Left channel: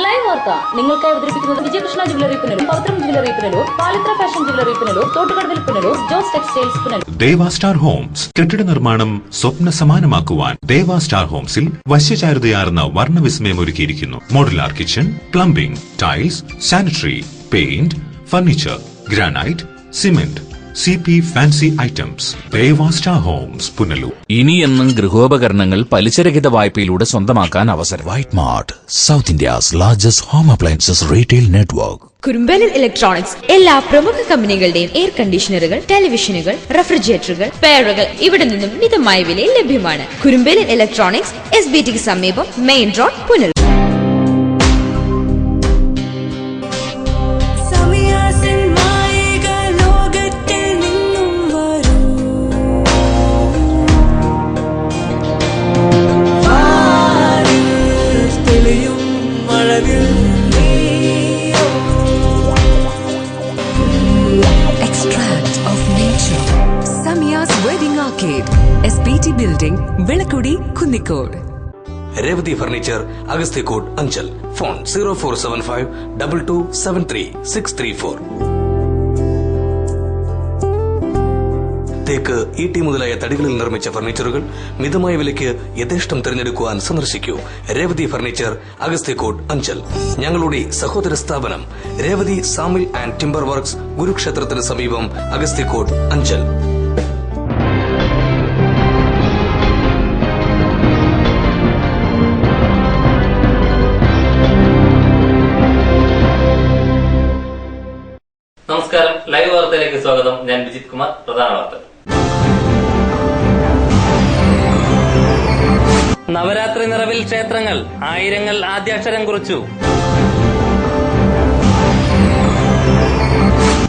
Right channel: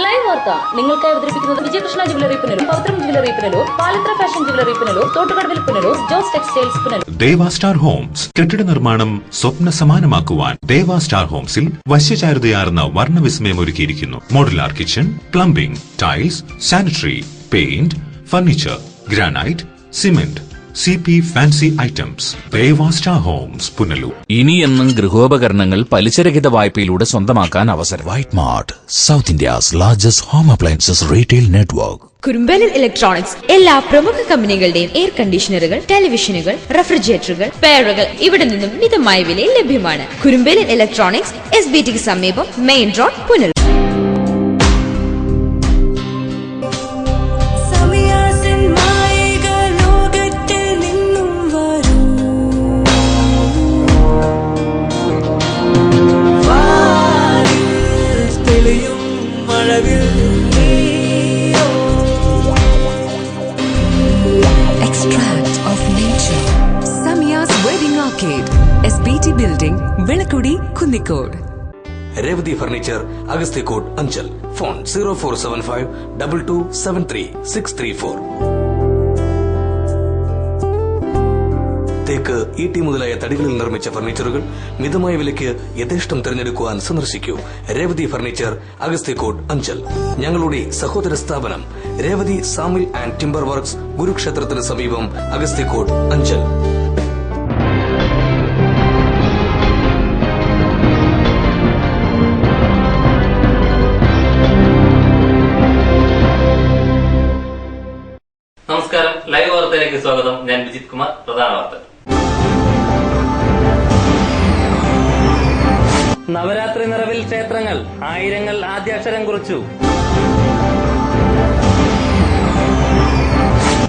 Live വാർത്ത നിങ്ങൾക്കായി അവതരിപ്പിക്കുന്നത് Vijayakrishna jewellery Punalur, Pavithram jewellery Punalur, Palathra fashion jewellery Punalur, തോട്ടുകടവിൽ Punalur, Jose textiles Punalur. Deva Star Homes കെട്ടിട നിർമ്മാണം സ്വപ്ന സമാനമാക്കുവാൻ ദേവ സ്റ്റാർ ഹോംസിൽ വശ്യചാരുതയാർന്ന വർണ്ണവിസ്മയം ഒരുക്കിയിരിക്കുന്നു. Modular kitchen, plumbing, tiles, sanitary, paint, furniture, granite, cement, CP fancy items. Deva Star Homes Punalur. ഇനിയെന്നും ഗൃഹോപകരണങ്ങൾ പലിശരഹിത വായ്പയിലൂടെ സ്വന്തമാക്കാൻ അവസരം. White Mart, south India's largest home appliances retail network. കുറുമ്പലിൽ ഇലക്ട്രോണിക്സ് എല്ലാ പ്രമുഖ കമ്പനികളുടെയും എയർ കണ്ടീഷണറുകൾ, ടെലിവിഷനുകൾ, റെഫ്രിജറേറ്ററുകൾ, പെയറുകൾ ഇവിടെ നിന്നും മിതമായ വിലയിൽ ലഭ്യമാണ്. കുറുമ്പലിൽ ഇലക്ട്രോണിക്സ്, SBTക്ക് സമീപം, main road, Punalur. Extract of nature. Samiya's Wedding Arcade, SBT Building, Velakudi, Kunnikode. Revathi furniture, Agasthyakode, Anchal. Phone 0475 2273 634. തേക്ക്, ഈട്ടി മുതലായ തടികളിൽ നിർമ്മിച്ച ഫർണിച്ചറുകൾ മിതമായ വിലയ്ക്ക് യഥേഷ്ടം തിരഞ്ഞെടുക്കുവാൻ സന്ദർശിക്കൂ. രേവതി ഫർണിച്ചർ, അഗസ്ത്യക്കോട്, അഞ്ചൽ. ഞങ്ങളുടെ സഹോദര സ്ഥാപനം രേവതി സാമിൽ ആൻഡ് ടിംബർ വർക്ക്സ്, ഗുരുക്ഷേത്രത്തിന് സമീപം, അഗസ്ത്യക്കോട്, അഞ്ചൽ. നമസ്കാരം, ലൈവ് വാർത്തയിലേക്ക് സ്വാഗതം. ഞാൻ വിജിത് കുമാർ. പ്രധാന വാർത്തകൾ. നവരാത്രി നിറവിൽ ക്ഷേത്രങ്ങൾ, ആയിരങ്ങൾ ആദ്യാക്ഷരം കുറിച്ചു.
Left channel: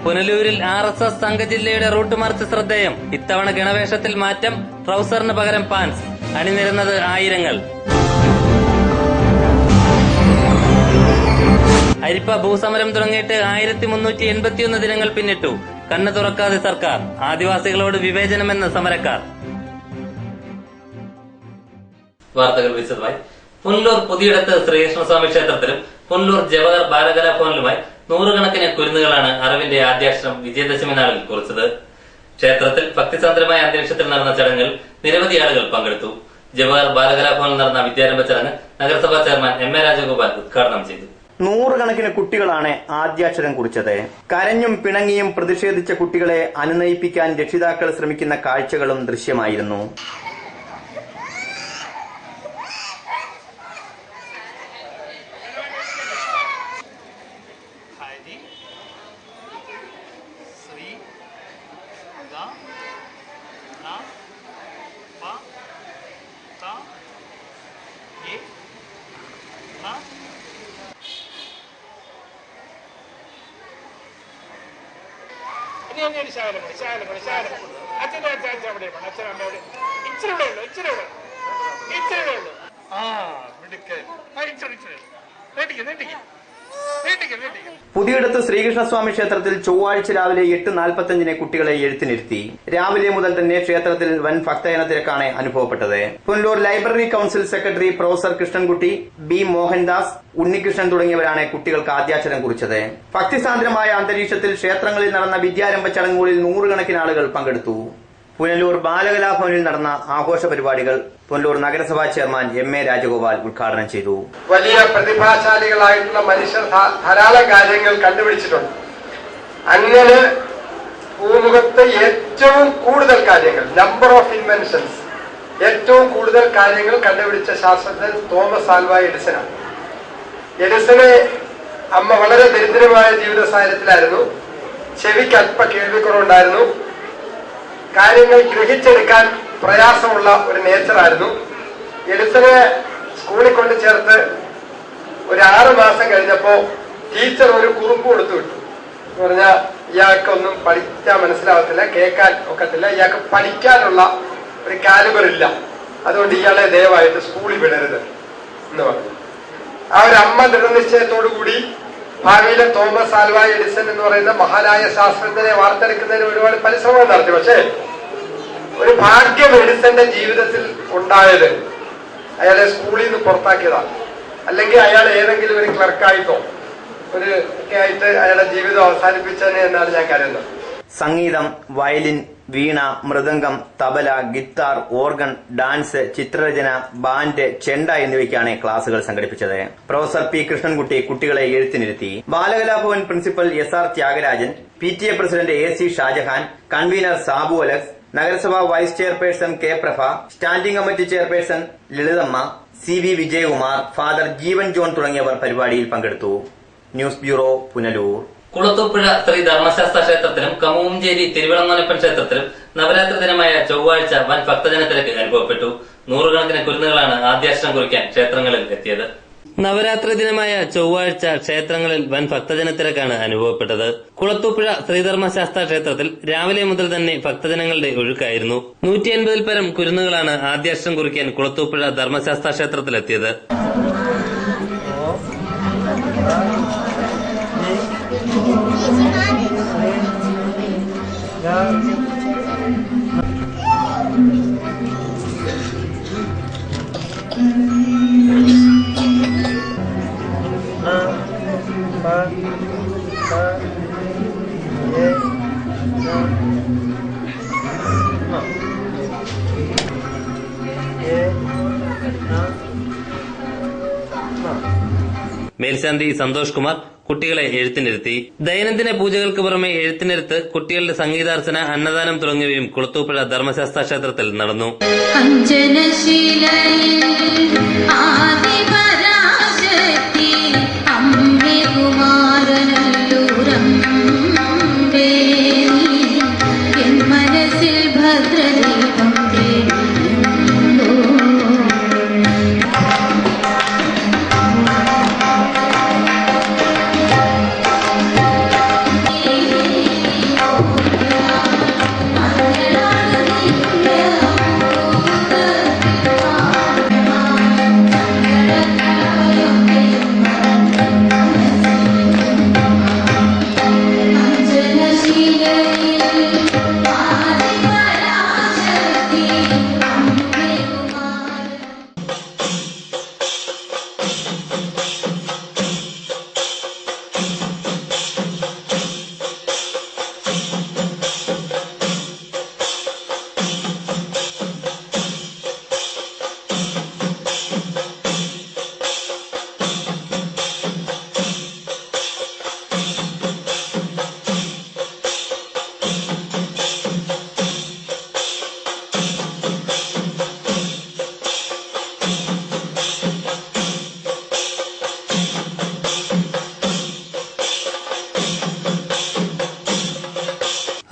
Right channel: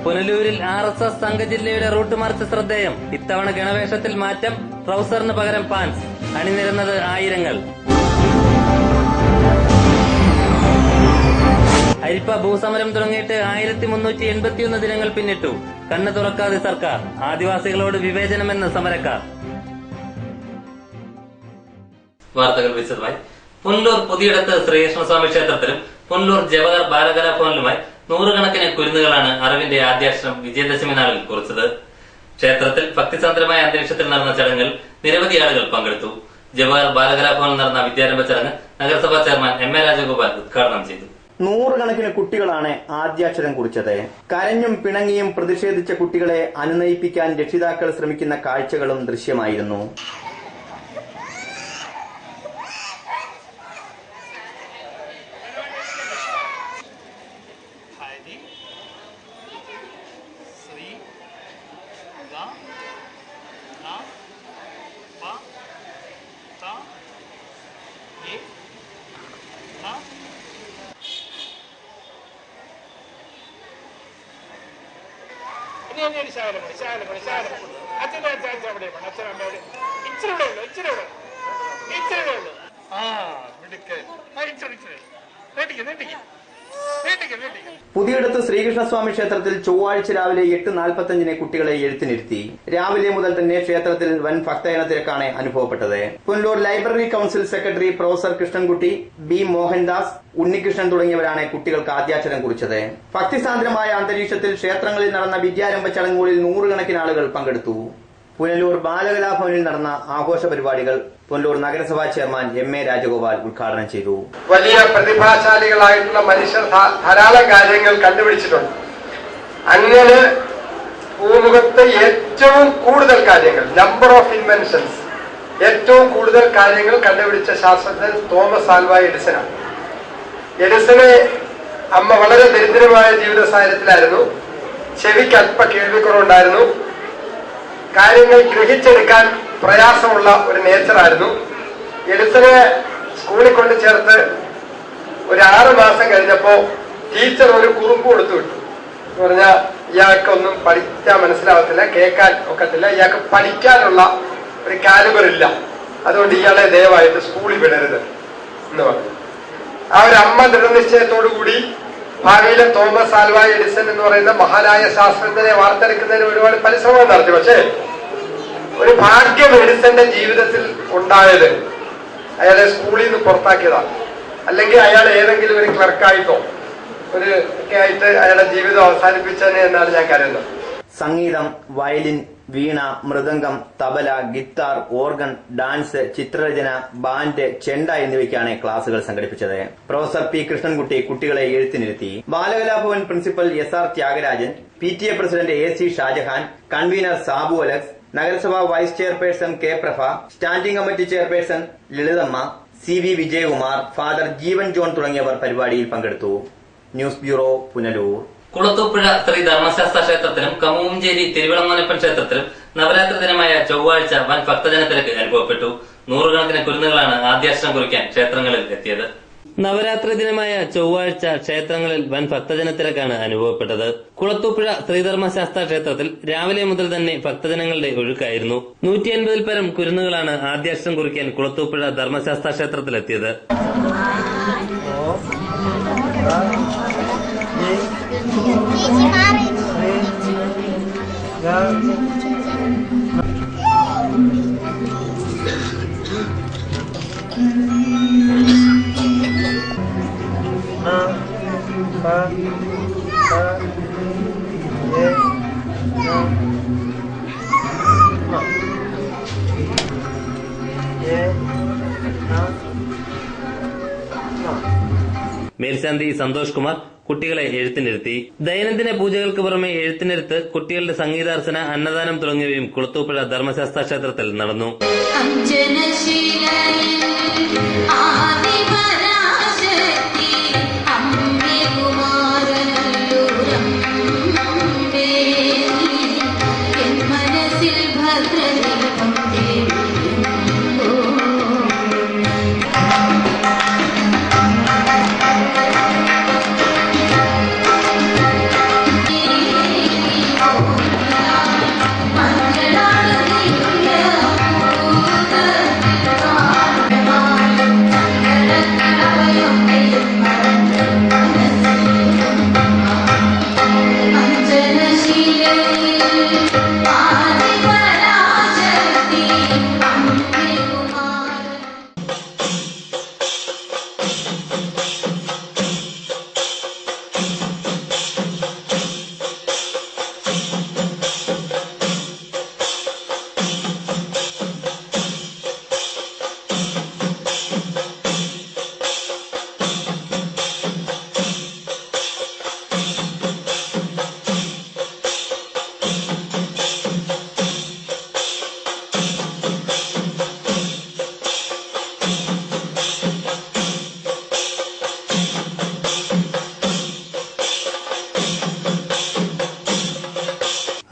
പുനലൂരിൽ RSS സംഘജില്ലയുടെ റൂട്ട് മാർച്ച് ശ്രദ്ധേയം. ഇത്തവണ ഗണവേഷത്തിൽ മാറ്റം, ട്രൗസറിന് പകരം പാൻസ്. അണിനിരുന്നത് ആയിരങ്ങൾ. അരിപ്പ ഭൂസമരം തുടങ്ങിയിട്ട് 1381 ദിനങ്ങൾ പിന്നിട്ടു. കണ്ണു തുറക്കാതെ സർക്കാർ. ആദിവാസികളോട് വിവേചനമെന്ന് സമരക്കാർ. വാർത്തകൾ വിശദമായി. പുനലൂർ പുതിയിടത്ത് ശ്രീകൃഷ്ണസ്വാമി ക്ഷേത്രത്തിലും പുനലൂർ ജവഹർ ബാലകലാഭവനിലുമായി നൂറുകണക്കിന് കുരുന്നുകളാണ് അറിവിന്റെ ആദ്യാക്ഷരം വിജയദശമി നാളിൽ കുറിച്ചത്. ക്ഷേത്രത്തിൽ ഭക്തിസാന്ദ്രമായ അന്തരീക്ഷത്തിൽ നടന്ന ചടങ്ങിൽ നിരവധി ആളുകൾ പങ്കെടുത്തു. ജവഹർ ബാലകലാഭവനിൽ നടന്ന വിദ്യാരംഭ ചടങ്ങ് നഗരസഭാ ചെയർമാൻ MA രാജഗോപാൽ ഉദ്ഘാടനം ചെയ്തു. നൂറുകണക്കിന് കുട്ടികളാണ് ആദ്യാക്ഷരം കുറിച്ചത്. കരഞ്ഞും പിണങ്ങിയും പ്രതിഷേധിച്ച കുട്ടികളെ അനുനയിപ്പിക്കാൻ രക്ഷിതാക്കൾ ശ്രമിക്കുന്ന കാഴ്ചകളും ദൃശ്യമായിരുന്നു. പുതിയിടത്ത് ശ്രീകൃഷ്ണസ്വാമി ക്ഷേത്രത്തിൽ ചൊവ്വാഴ്ച രാവിലെ 8:45 കുട്ടികളെ എഴുത്തിനിരുത്തി. രാവിലെ മുതൽ തന്നെ ക്ഷേത്രത്തിൽ വൻ ഭക്തജന തിരക്കാണ് അനുഭവപ്പെട്ടത്. Punalur library council secretary professor Krishnankutty, B Mohandas, Unnikrishnan തുടങ്ങിയവരാണ് കുട്ടികൾക്ക് ആദ്യാക്ഷരം കുറിച്ചത്. ഭക്തിസാന്ദ്രമായ അന്തരീക്ഷത്തിൽ ക്ഷേത്രങ്ങളിൽ നടന്ന വിദ്യാരംഭ ചടങ്ങുകളിൽ നൂറുകണക്കിന് ആളുകൾ പങ്കെടുത്തു. പുനലൂർ ബാലകലാഭവനിൽ നടന്ന ആഘോഷ പരിപാടികൾ പുനലൂർ നഗരസഭാ ചെയർമാൻ MA രാജഗോപാൽ ഉദ്ഘാടനം ചെയ്തു. വലിയ പ്രതിഭാശാലികളായിട്ടുള്ള മനുഷ്യർ ധാരാളം കാര്യങ്ങൾ കണ്ടുപിടിച്ചിട്ടുണ്ട്. അങ്ങനെ ഭൂമുഖത്ത് ഏറ്റവും കൂടുതൽ കാര്യങ്ങൾ, നമ്പർ ഓഫ് ഇൻവെൻഷൻസ്, ഏറ്റവും കൂടുതൽ കാര്യങ്ങൾ കണ്ടുപിടിച്ച ശാസ്ത്രജ്ഞൻ തോമസ് ആൽവാ എഡിസനാണ്. എഡിസനെ അമ്മ വളരെ ദരിദ്രമായ ജീവിത സാഹചര്യത്തിലായിരുന്നു. ചെവിക്ക് അല്പ കേൾവിക്കുറവുണ്ടായിരുന്നു. കാര്യങ്ങൾ ഗ്രഹിച്ചെടുക്കാൻ പ്രയാസമുള്ള ഒരു നേച്ചറായിരുന്നു. എഡിസനെ സ്കൂളിൽ കൊണ്ട് ചേർത്ത് ഒരു 6 മാസം കഴിഞ്ഞപ്പോ ടീച്ചർ ഒരു കുറിപ്പ് കൊടുത്തു വിട്ടു. എന്ന് പറഞ്ഞാൽ ഇയാൾക്കൊന്നും പഠിക്കാൻ മനസ്സിലാവത്തില്ല, കേൾക്കാൻ ഒക്കത്തില്ല, ഇയാൾക്ക് പഠിക്കാനുള്ള ഒരു കാലിബർ ഇല്ല, അതുകൊണ്ട് ഇയാളെ ദയവായിട്ട് സ്കൂളിൽ വിടരുത് എന്ന് പറഞ്ഞു. ആ ഒരു അമ്മ ദൃഢനിശ്ചയത്തോടു കൂടി ഭാവിയിലെ തോമസ് ആൽവാ എഡിസൺ എന്ന് പറയുന്ന മഹാനായ ശാസ്ത്രജ്ഞനെ വാർത്തെടുക്കുന്നതിന് ഒരുപാട് പരിശ്രമം നടത്തി. പക്ഷേ ഒരു ഭാഗ്യം എഡിസന്റെ ജീവിതത്തിൽ ഉണ്ടായത് അയാളെ സ്കൂളിൽ നിന്ന് പുറത്താക്കിയതാണ്. അല്ലെങ്കിൽ അയാൾ ഏതെങ്കിലും ഒരു ക്ലർക്കായിട്ടോ ഒക്കെ ആയിട്ട് അയാളുടെ ജീവിതം അവസാനിപ്പിച്ചതിനെ എന്നാണ് ഞാൻ കരുതുന്നത്. സംഗീതം, violin, veena, mridangam, tabla, guitar, organ, dance, ചിത്രരചന, ബാൻഡ്, ചെണ്ട എന്നിവയ്ക്കാണ് ക്ലാസുകൾ സംഘടിപ്പിച്ചത്. പ്രൊഫസർ പി കൃഷ്ണൻകുട്ടി കുട്ടികളെ എഴുത്തിനിരുത്തി. Balakalabhavan principal SR Thyagarajan, PTA president AC Shajahan, convener Sabu Alex, നഗരസഭാ vice chairperson K Prabha, standing committee chairperson Lalithamma, CV Vijayakumar, father Jeevan John തുടങ്ങിയവർ പരിപാടിയിൽ പങ്കെടുത്തു. News bureau, Punalur. കുളത്തൂപ്പുഴ ശ്രീ ധർമ്മശാസ്ത്ര ക്ഷേത്രത്തിലും കമുകഞ്ചേരി തിരുവിളങ്ങോനപ്പൻ ക്ഷേത്രത്തിലും നവരാത്രി ദിനമായ ചൊവ്വാഴ്ച വൻ ഭക്തജനത്തിരക്ക് അനുഭവപ്പെട്ടു. നൂറുകണക്കിന് കുരുന്നുകളാണ് ആദ്യാക്ഷരം കുറിക്കാൻ ക്ഷേത്രങ്ങളിൽ എത്തിയത്. നവരാത്രി ദിനമായ ചൊവ്വാഴ്ച ക്ഷേത്രങ്ങളിൽ വൻ ഭക്തജനത്തിരക്കാണ് അനുഭവപ്പെട്ടത്. കുളത്തൂപ്പുഴ ശ്രീധർമ്മശാസ്ത്ര ക്ഷേത്രത്തിൽ രാവിലെ മുതൽ തന്നെ ഭക്തജനങ്ങളുടെ ഒഴുക്കായിരുന്നു. 150-ൽ പരം കുരുന്നുകളാണ് ആദ്യാക്ഷരം കുറിക്കാൻ കുളത്തൂപ്പുഴ ധർമ്മശാസ്ത്ര ക്ഷേത്രത്തിലെത്തിയത്. മേൽശാന്തി സന്തോഷ് കുമാർ കുട്ടികളെ എഴുത്തിനിരുത്തി. ദൈനംദിന പൂജകൾക്ക് പുറമെ എഴുത്തിനിരുത്ത്, കുട്ടികളുടെ സംഗീതാർച്ചന, അന്നദാനം തുടങ്ങിയവയും കുളത്തൂപ്പുഴ ധർമ്മശാസ്ത്ര ക്ഷേത്രത്തിൽ നടന്നു.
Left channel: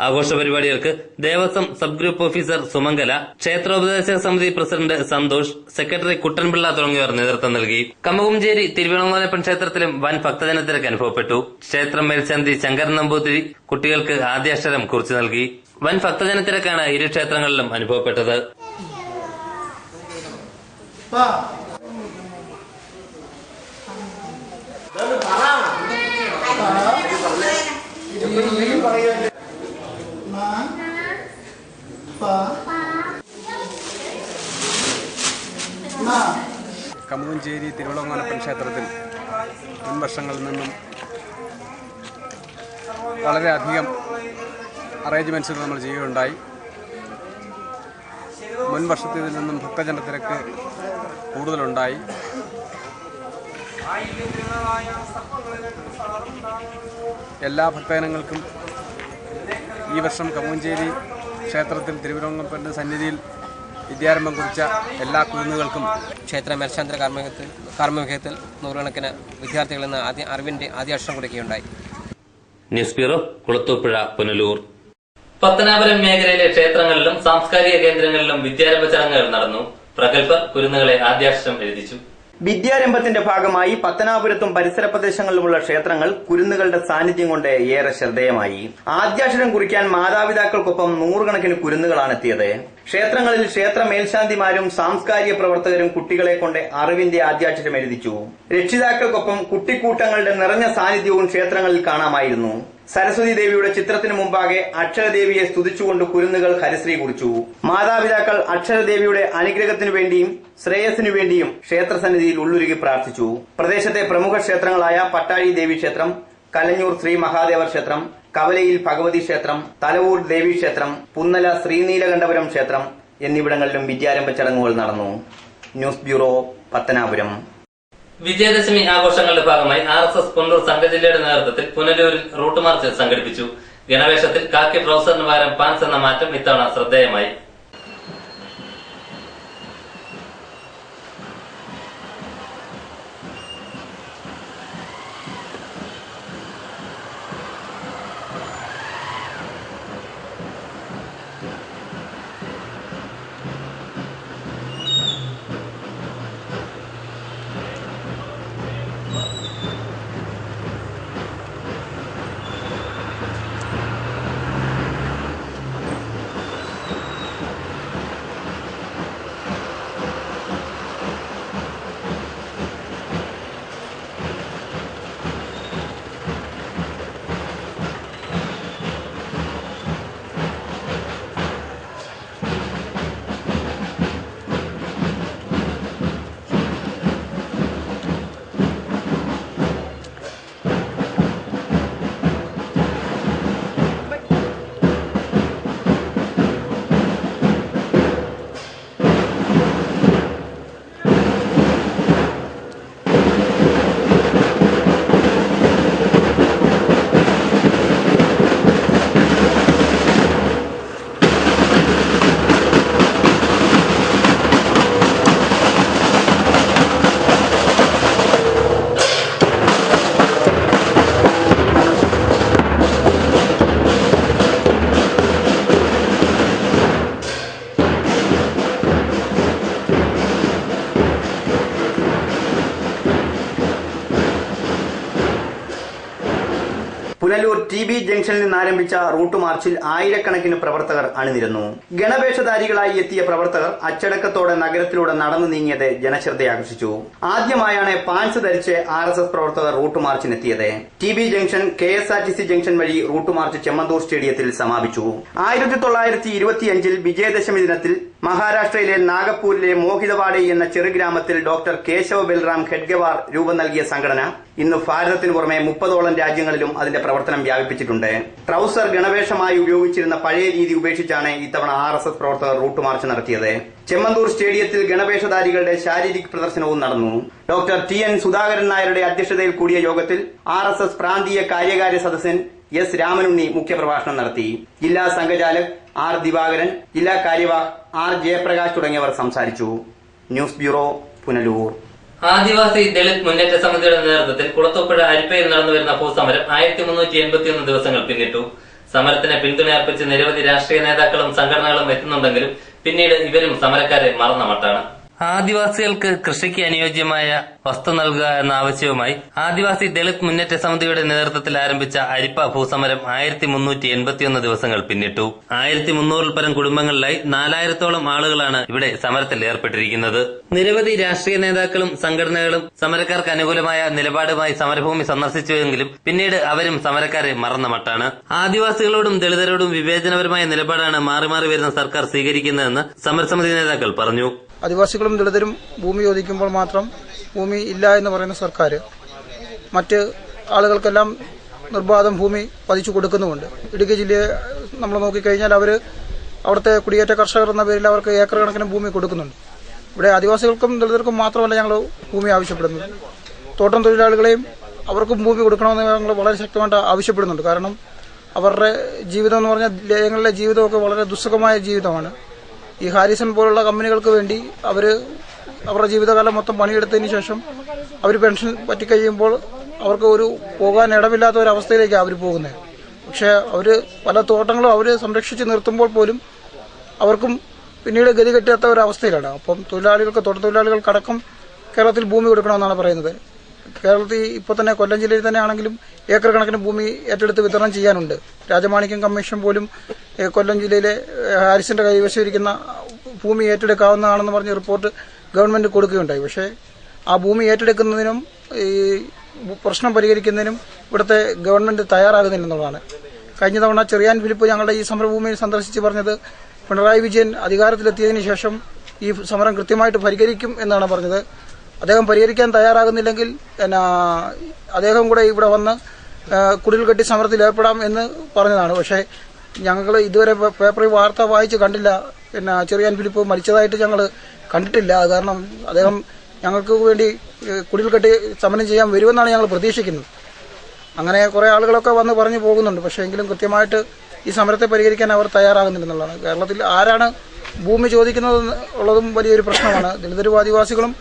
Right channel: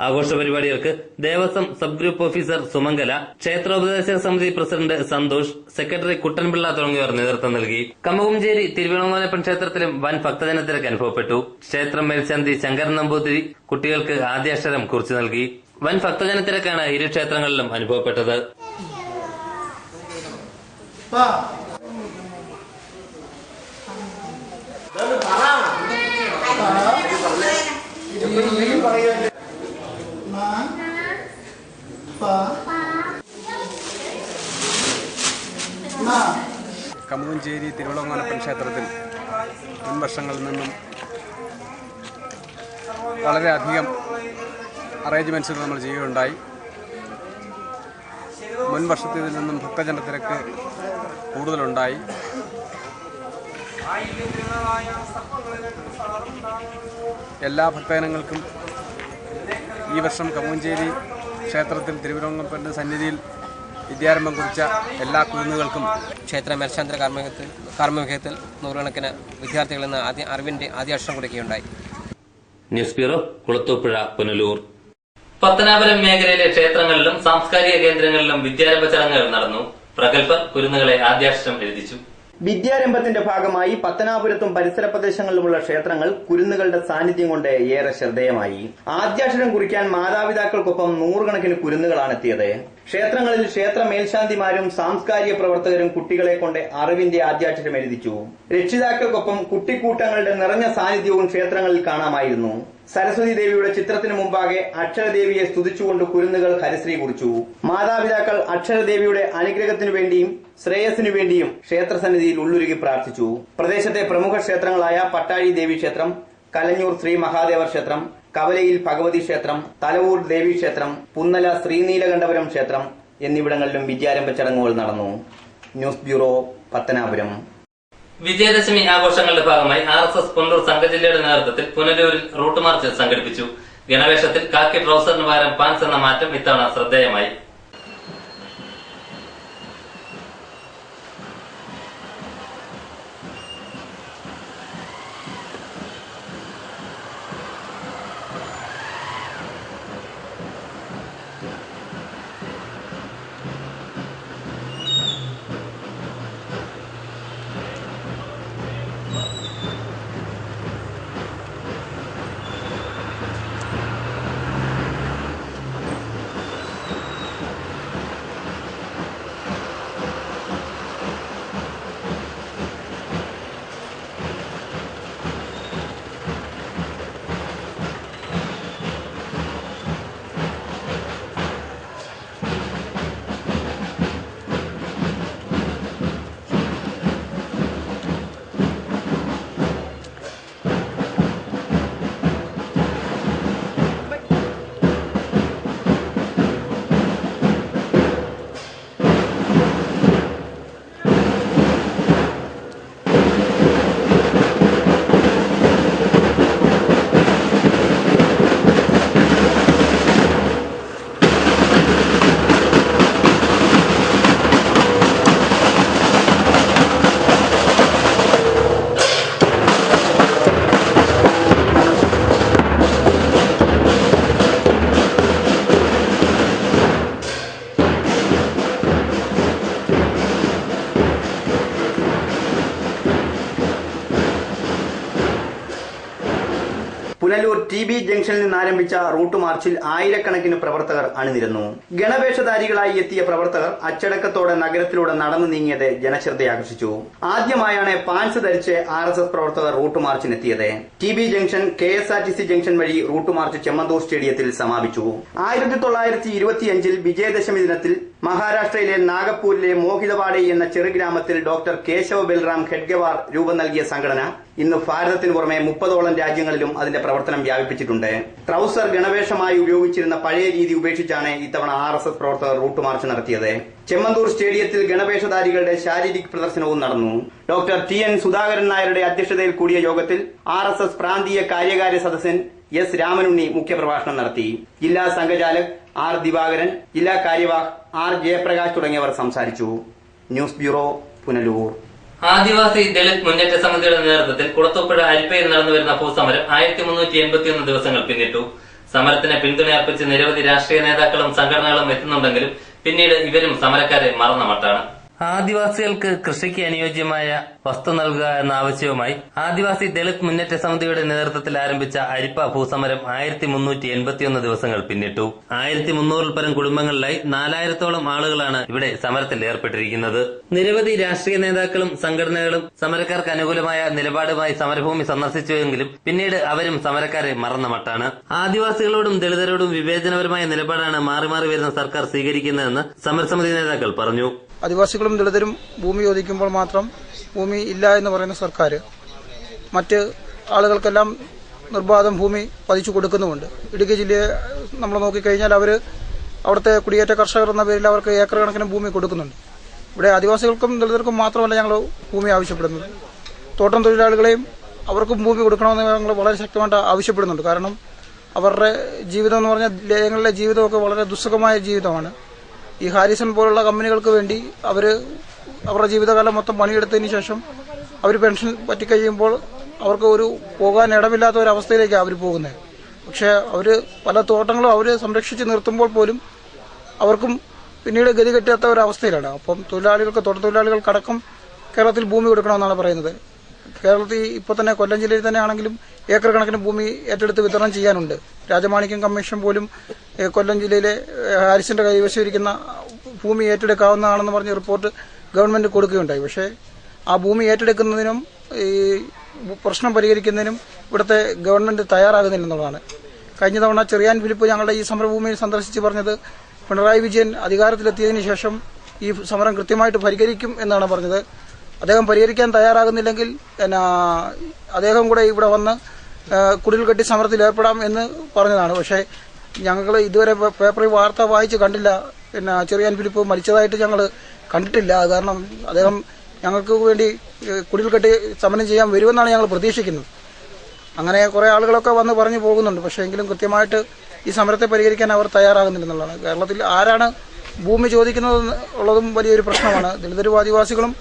ആഘോഷ പരിപാടികൾക്ക് Devaswom sub group officer Sumangala, ക്ഷേത്രോപദേശക സമിതി പ്രസിഡന്റ് സന്തോഷ്, സെക്രട്ടറി കുട്ടൻപിള്ള തുടങ്ങിയവർ നേതൃത്വം നൽകി. കമുകഞ്ചേരി തിരുവിളങ്ങോനപ്പൻ ക്ഷേത്രത്തിലും വൻ ഭക്തജനത്തിരക്ക് അനുഭവപ്പെട്ടു. ക്ഷേത്രം മേൽശാന്തി ശങ്കരൻ നമ്പൂതിരി കുട്ടികൾക്ക് ആദ്യാക്ഷരം കുറിച്ചു നൽകി. വൻ ഭക്തജനത്തിരക്കാണ് ഇരു ക്ഷേത്രങ്ങളിലും അനുഭവപ്പെട്ടത്. കമുകഞ്ചേരി തിരുവിളങ്ങോനപ്പൻ ക്ഷേത്രത്തിൽ മുൻ വർഷങ്ങളിൽ നിന്നും വളരെയധികം അറേഞ്ച്മെൻറ്റ്സുകൾ നമ്മൾ ചെയ്യുകയുണ്ടായി. മുൻ വർഷത്തിൽ നിന്നും ഭക്തജനത്തിരക്ക് കൂടുതലുണ്ടായി. എല്ലാ ഭക്തജനങ്ങൾക്കും ഈ വർഷം കമുകഞ്ചേരി ക്ഷേത്രത്തിൽ തിരുവിളങ്ങോനപ്പൻ്റെ സന്നിധിയിൽ വിദ്യാരംഭം കുറിച്ച എല്ലാ കുരുന്നുകൾക്കും ക്ഷേത്ര മേൽശാന്തി കാർമ്മികത്തിൽ നൂറുകണക്കിന് വിദ്യാർത്ഥികളിൽ നിന്ന് അറിവിന്റെ ആദ്യാക്ഷരം കുറിക്കുകയുണ്ടായി. News bureau, Kulathupuzha, Punalur. പത്തനാപുരം മേഖലയിലെ ക്ഷേത്രങ്ങളിലും സാംസ്കാരിക കേന്ദ്രങ്ങളിലും വിദ്യാരംഭ ചടങ്ങുകൾ നടന്നു. പ്രഗത്ഭർ കുരുന്നുകളെ ആദ്യാക്ഷരം എഴുതിച്ചു. വിദ്യാരംഭത്തിന്റെ ഭാഗമായി പത്തനാപുരത്തും പരിസര പ്രദേശങ്ങളിലുമുള്ള ക്ഷേത്രങ്ങൾ കുരുന്നുകളുടെ സാന്നിധ്യം കൊണ്ട് ഏറെ ശ്രദ്ധേയമായി. ആദ്യാക്ഷരം കുറിക്കാൻ മാതാപിതാക്കൾക്കൊപ്പം നൂറുകണക്കിന് കുരുന്നുകളാണ് എത്തിയത്. ക്ഷേത്രങ്ങളിൽ ക്ഷേത്ര മേൽശാന്തിമാരും സാംസ്കാരിക പ്രവർത്തകരും കുട്ടികളെ കൊണ്ട് അറിവിന്റെ ആദ്യാക്ഷരം എഴുതിച്ചു. രക്ഷിതാക്കൾക്കൊപ്പം കുട്ടിക്കൂട്ടങ്ങളുടെ നിറഞ്ഞ സാന്നിധ്യവും ക്ഷേത്രങ്ങളിൽ കാണാമായിരുന്നു. സരസ്വതി ദേവിയുടെ ചിത്രത്തിനു മുമ്പാകെ അക്ഷരദേവിയെ സ്തുതിച്ചുകൊണ്ട് കുരുന്നുകൾ ഹരിശ്രീ കുറിച്ചു. മാതാപിതാക്കൾ അക്ഷരദേവിയുടെ അനുഗ്രഹത്തിനു വേണ്ടിയും ശ്രേയസിനു വേണ്ടിയും ക്ഷേത്രസന്നിധിയിൽ ഉള്ളുരുകി പ്രാർത്ഥിച്ചു. പ്രദേശത്തെ പ്രമുഖ ക്ഷേത്രങ്ങളായ പട്ടാഴി ദേവി ക്ഷേത്രം, കലഞ്ഞൂർ ശ്രീ മഹാദേവർ ക്ഷേത്രം, കവലയിൽ ഭഗവതി ക്ഷേത്രം, തലവൂർ ദേവി ക്ഷേത്രം, പുന്നല ശ്രീനീലകണ്ഠപുരം ക്ഷേത്രം എന്നിവിടങ്ങളിലും വിദ്യാരംഭ ചടങ്ങുകൾ നടന്നു. News bureau, Pathanapuram. വിജയദശമി ആഘോഷങ്ങളുടെ ഭാഗമായി RSS പുനലൂർ സംഘജില്ലയുടെ നേതൃത്വത്തിൽ പുനലൂരിൽ റൂട്ട് മാർച്ച് സംഘടിപ്പിച്ചു. ഗണവേഷത്തിൽ കാക്കി ട്രൗസറിന് പകരം പാൻസ് എന്ന മാറ്റം ഇത്തവണ ശ്രദ്ധേയമായി. പുനലൂർ TB ജംഗ്ഷനിൽ നിന്ന് ആരംഭിച്ച റൂട്ട് മാർച്ചിൽ ആയിരക്കണക്കിന് പ്രവർത്തകർ അണിനിരന്നു. ഗണവേഷധാരികളായി എത്തിയ പ്രവർത്തകർ അച്ചടക്കത്തോടെ നഗരത്തിലൂടെ നടന്നു നീങ്ങിയത് ജനശ്രദ്ധയാകർഷിച്ചു. ആദ്യമായാണ് പാൻസ് ധരിച്ച് RSS പ്രവർത്തകർ റൂട്ട് മാർച്ചിനെത്തിയത്. TB ജംഗ്ഷൻ KSRTC ജംഗ്ഷൻ വഴി റൂട്ട് മാർച്ച് ചെമ്മന്തൂർ സ്റ്റേഡിയത്തിൽ സമാപിച്ചു. 1925 വിജയദശമി ദിനത്തിൽ മഹാരാഷ്ട്രയിലെ നാഗപ്പൂരിലെ മോഹിതവാഡി എന്ന ചെറുഗ്രാമത്തിൽ ഡോക്ടർ കേശവ ബൽറാം ഖെഡ്ഗെവാർ രൂപം നൽകിയ സംഘടന ഇന്ന് ഭാരതത്തിന് പുറമെ 30ഓളം രാജ്യങ്ങളിലും അതിന്റെ പ്രവർത്തനം വ്യാപിപ്പിച്ചിട്ടുണ്ട്. ട്രൗസർ ഗണവേഷമായി ഉപയോഗിച്ചിരുന്ന പഴയ രീതി ഉപേക്ഷിച്ചാണ് ഇത്തവണ RSS പ്രവർത്തകർ റൂട്ട് മാർച്ച് നടത്തിയത്. ചെമ്മന്തൂർ സ്റ്റേഡിയത്തിൽ ഗണവേഷധാരികളുടെ ശാരീരിക പ്രദർശനവും നടന്നു. ഡോക്ടർ TN സുധാകരൻ നായരുടെ അധ്യക്ഷതയിൽ കൂടിയ യോഗത്തിൽ RSS പ്രാന്തീയ കാര്യകാര്യ സദസ്യൻ S രാമനുണ്ണി മുഖ്യപ്രഭാഷണം നടത്തി. ജില്ലാ സംഘചാലക് R ദിവാകരൻ, ജില്ലാ കാര്യവാഹ് R ജയപ്രകാശ് തുടങ്ങിയവർ സംസാരിച്ചു. News bureau, Punalur. ആദിവാസി ദളിത് മുന്നേറ്റ സമിതിയുടെ നേതൃത്വത്തിൽ കുളത്തൂപ്പുഴ അരിപ്പയിൽ നടന്നുവരുന്ന ഭൂസമരം 1381 ദിവസങ്ങൾ പിന്നിട്ടു. സമരത്തിന് പിന്തുണയർപ്പിച്ച് നിരവധി രാഷ്ട്രീയ നേതാക്കളും സംഘടനകളും എത്തുന്നുണ്ടെങ്കിലും പിന്നീട് ഇവരും സമരക്കാരെ മറന്ന മട്ടാണ്. ആദിവാസികൾക്ക് കൃഷിക്ക് അനുയോജ്യമായ വസ്തു നൽകുക എന്ന ആവശ്യവുമായി ആദിവാസി ദളിത് മുന്നേറ്റ സമിതിയുടെ നേതൃത്വത്തിൽ ആരംഭിച്ച അരിപ്പ ഭൂസമരം 1381 ദിവസങ്ങൾ പിന്നിട്ടു. 1300 പരം കുടുംബങ്ങളിലായി 4000-ഓളം ആളുകളാണ് ഇവിടെ സമരത്തിൽ ഏർപ്പെട്ടിരിക്കുന്നത്. നിരവധി രാഷ്ട്രീയ നേതാക്കളും സംഘടനകളും സമരക്കാർക്ക് അനുകൂലമായ നിലപാടുമായി സമരഭൂമി സന്ദർശിച്ചുവെങ്കിലും പിന്നീട് അവരും സമരക്കാരെ മറന്ന മട്ടാണ്. ആദിവാസികളോടും ദളിതരോടും വിവേചനപരമായ നിലപാടാണ് മാറി മാറി വരുന്ന സർക്കാർ സ്വീകരിക്കുന്നതെന്ന് സമരസമിതി നേതാക്കൾ പറഞ്ഞു. ആദിവാസികളും ദളിതരും ഭൂമി ചോദിക്കുമ്പോൾ മാത്രം ഭൂമി ഇല്ല എന്ന് പറയുന്ന സർക്കാർ മറ്റ് ആളുകൾക്കെല്ലാം നിർബാധം ഭൂമി പതിച്ചു കൊടുക്കുന്നുമുണ്ട്. ഇടുക്കി ജില്ലയെ നമ്മൾ നോക്കിക്കഴിഞ്ഞാൽ അവിടുത്തെ കുടിയേറ്റ കർഷകർ എന്ന പേരിൽ അവർക്ക് ഏക്കർ കണക്കിന് ഭൂമി കൊടുക്കുന്നുണ്ട്. ഇവിടെ ആദിവാസികൾക്കും ദളിതർക്കും മാത്രമല്ല ഞങ്ങൾ ഭൂമി ആവശ്യപ്പെടുന്നത്. തോട്ടം തൊഴിലാളികളെയും അവർക്കും ഭൂമി കൊടുക്കണമെന്ന് ഞങ്ങൾ വളരെ ശക്തമായിട്ട് ആവശ്യപ്പെടുന്നുണ്ട്. കാരണം അവരുടെ ജീവിതം എന്ന് പറഞ്ഞാൽ ലയങ്ങളിലെ ജീവിതമൊക്കെ വളരെ ദുസ്സഹമായ ജീവിതമാണ്. ഈ ഹാരിസൺ പോലുള്ള കമ്പനികൾക്ക് വേണ്ടി അവരുടെ ജീവിതകാലം മൊത്തം പണിയെടുത്തതിന് ശേഷം അവർ പെൻഷൻ പറ്റിക്കഴിയുമ്പോൾ അവർക്ക് പോകാൻ ഇടമില്ലാത്ത ഒരു അവസ്ഥയിലേക്കാണ് അവർ പോകുന്നത്. പക്ഷേ പല തോട്ടങ്ങളും അവർ സംരക്ഷിച്ച് നിർത്തുമ്പോൾ പോലും അവർക്കും പിന്നീട് ഗതി കെട്ടാത്ത ഒരു അവസ്ഥയിലാണ്. അപ്പം തോട്ടത്തൊഴിലാളികൾക്കടക്കം കേരളത്തിൽ ഭൂമി കൊടുക്കണമെന്നാണ് പറയുന്നത്. കേരളത്തിൽ ഇപ്പോൾ തന്നെ കൊല്ലം ജില്ലയിൽ തന്നെ ആണെങ്കിലും ഏക്കർ കണക്കിന് ഭൂമി ഏറ്റെടുത്ത് വിതരണം ചെയ്യാനുണ്ട്. രാജമാണിക്യം കമ്മീഷൻ പോലും കൊല്ലം ജില്ലയിലെ ഹാരിസിന്റെ കൈവശം ഇരിക്കുന്ന ഭൂമി ഏറ്റെടുക്കാവുന്നതാണെന്ന് പറഞ്ഞ് റിപ്പോർട്ട് ഗവൺമെന്റ് കൊടുക്കുകയുണ്ടായി. പക്ഷേ ആ ഭൂമി ഏറ്റെടുക്കുന്നതിനും ഈ പ്രശ്നം പരിഹരിക്കുന്നതിനും ഇവിടുത്തെ ഗവൺമെന്റ് തയ്യാറാകുന്നില്ലെന്നുള്ളതാണ്. കഴിഞ്ഞ തവണ ചെറിയാൻ ഫിലിപ്പ് ഞങ്ങളുടെ ഈ സമരഭൂമിയിൽ സന്ദർശിച്ച് പറഞ്ഞത് പിണറായി വിജയൻ അധികാരത്തിലെത്തിയതിനു ശേഷം ഈ സമരം കൃത്യമായിട്ട് പരിഹരിക്കും എന്നാണ് പറഞ്ഞത്. അദ്ദേഹം പരിഹരിക്കാൻ തയ്യാറാകുന്നില്ലെങ്കിൽ അദ്ദേഹം കൂടെ ഇവിടെ വന്ന് കുടിൽ കെട്ടി സമരത്തിൽ ഏർപ്പെടാം എന്ന് പറഞ്ഞതാണ്. പക്ഷേ ഞങ്ങൾ ഇതുവരെ പേപ്പറിൽ വാർത്ത വായിച്ച് കണ്ടില്ല. ചെറിയാൻ ഫിലിപ്പ് മരിച്ചതായിട്ട് ഞങ്ങൾ കണ്ടിട്ടില്ല. അത് കാരണം അദ്ദേഹം ഞങ്ങൾക്ക് വേണ്ടി കുടിൽ കെട്ടി സമരം ചെയ്യാൻ വരുമെന്നാണ് ഞങ്ങൾ പ്രതീക്ഷിക്കുന്നത്. അങ്ങനെ കുറേ ആളുകളൊക്കെ വന്ന് പറഞ്ഞു പോകുന്നുണ്ട്. പക്ഷേ എങ്കിലും കൃത്യമായിട്ട് ഈ സമരത്തെ പരിഹരിക്കാൻ അവർ തയ്യാറാകുന്നില്ലെന്നുള്ളതാണ്. കേരളത്തിൽ ആരാണ് ഭൂമി ചോദിക്കുന്നത് ഉള്ളതും വലിയൊരു പ്രശ്നമാണ്. ദളിതരും ആദിവാസികളും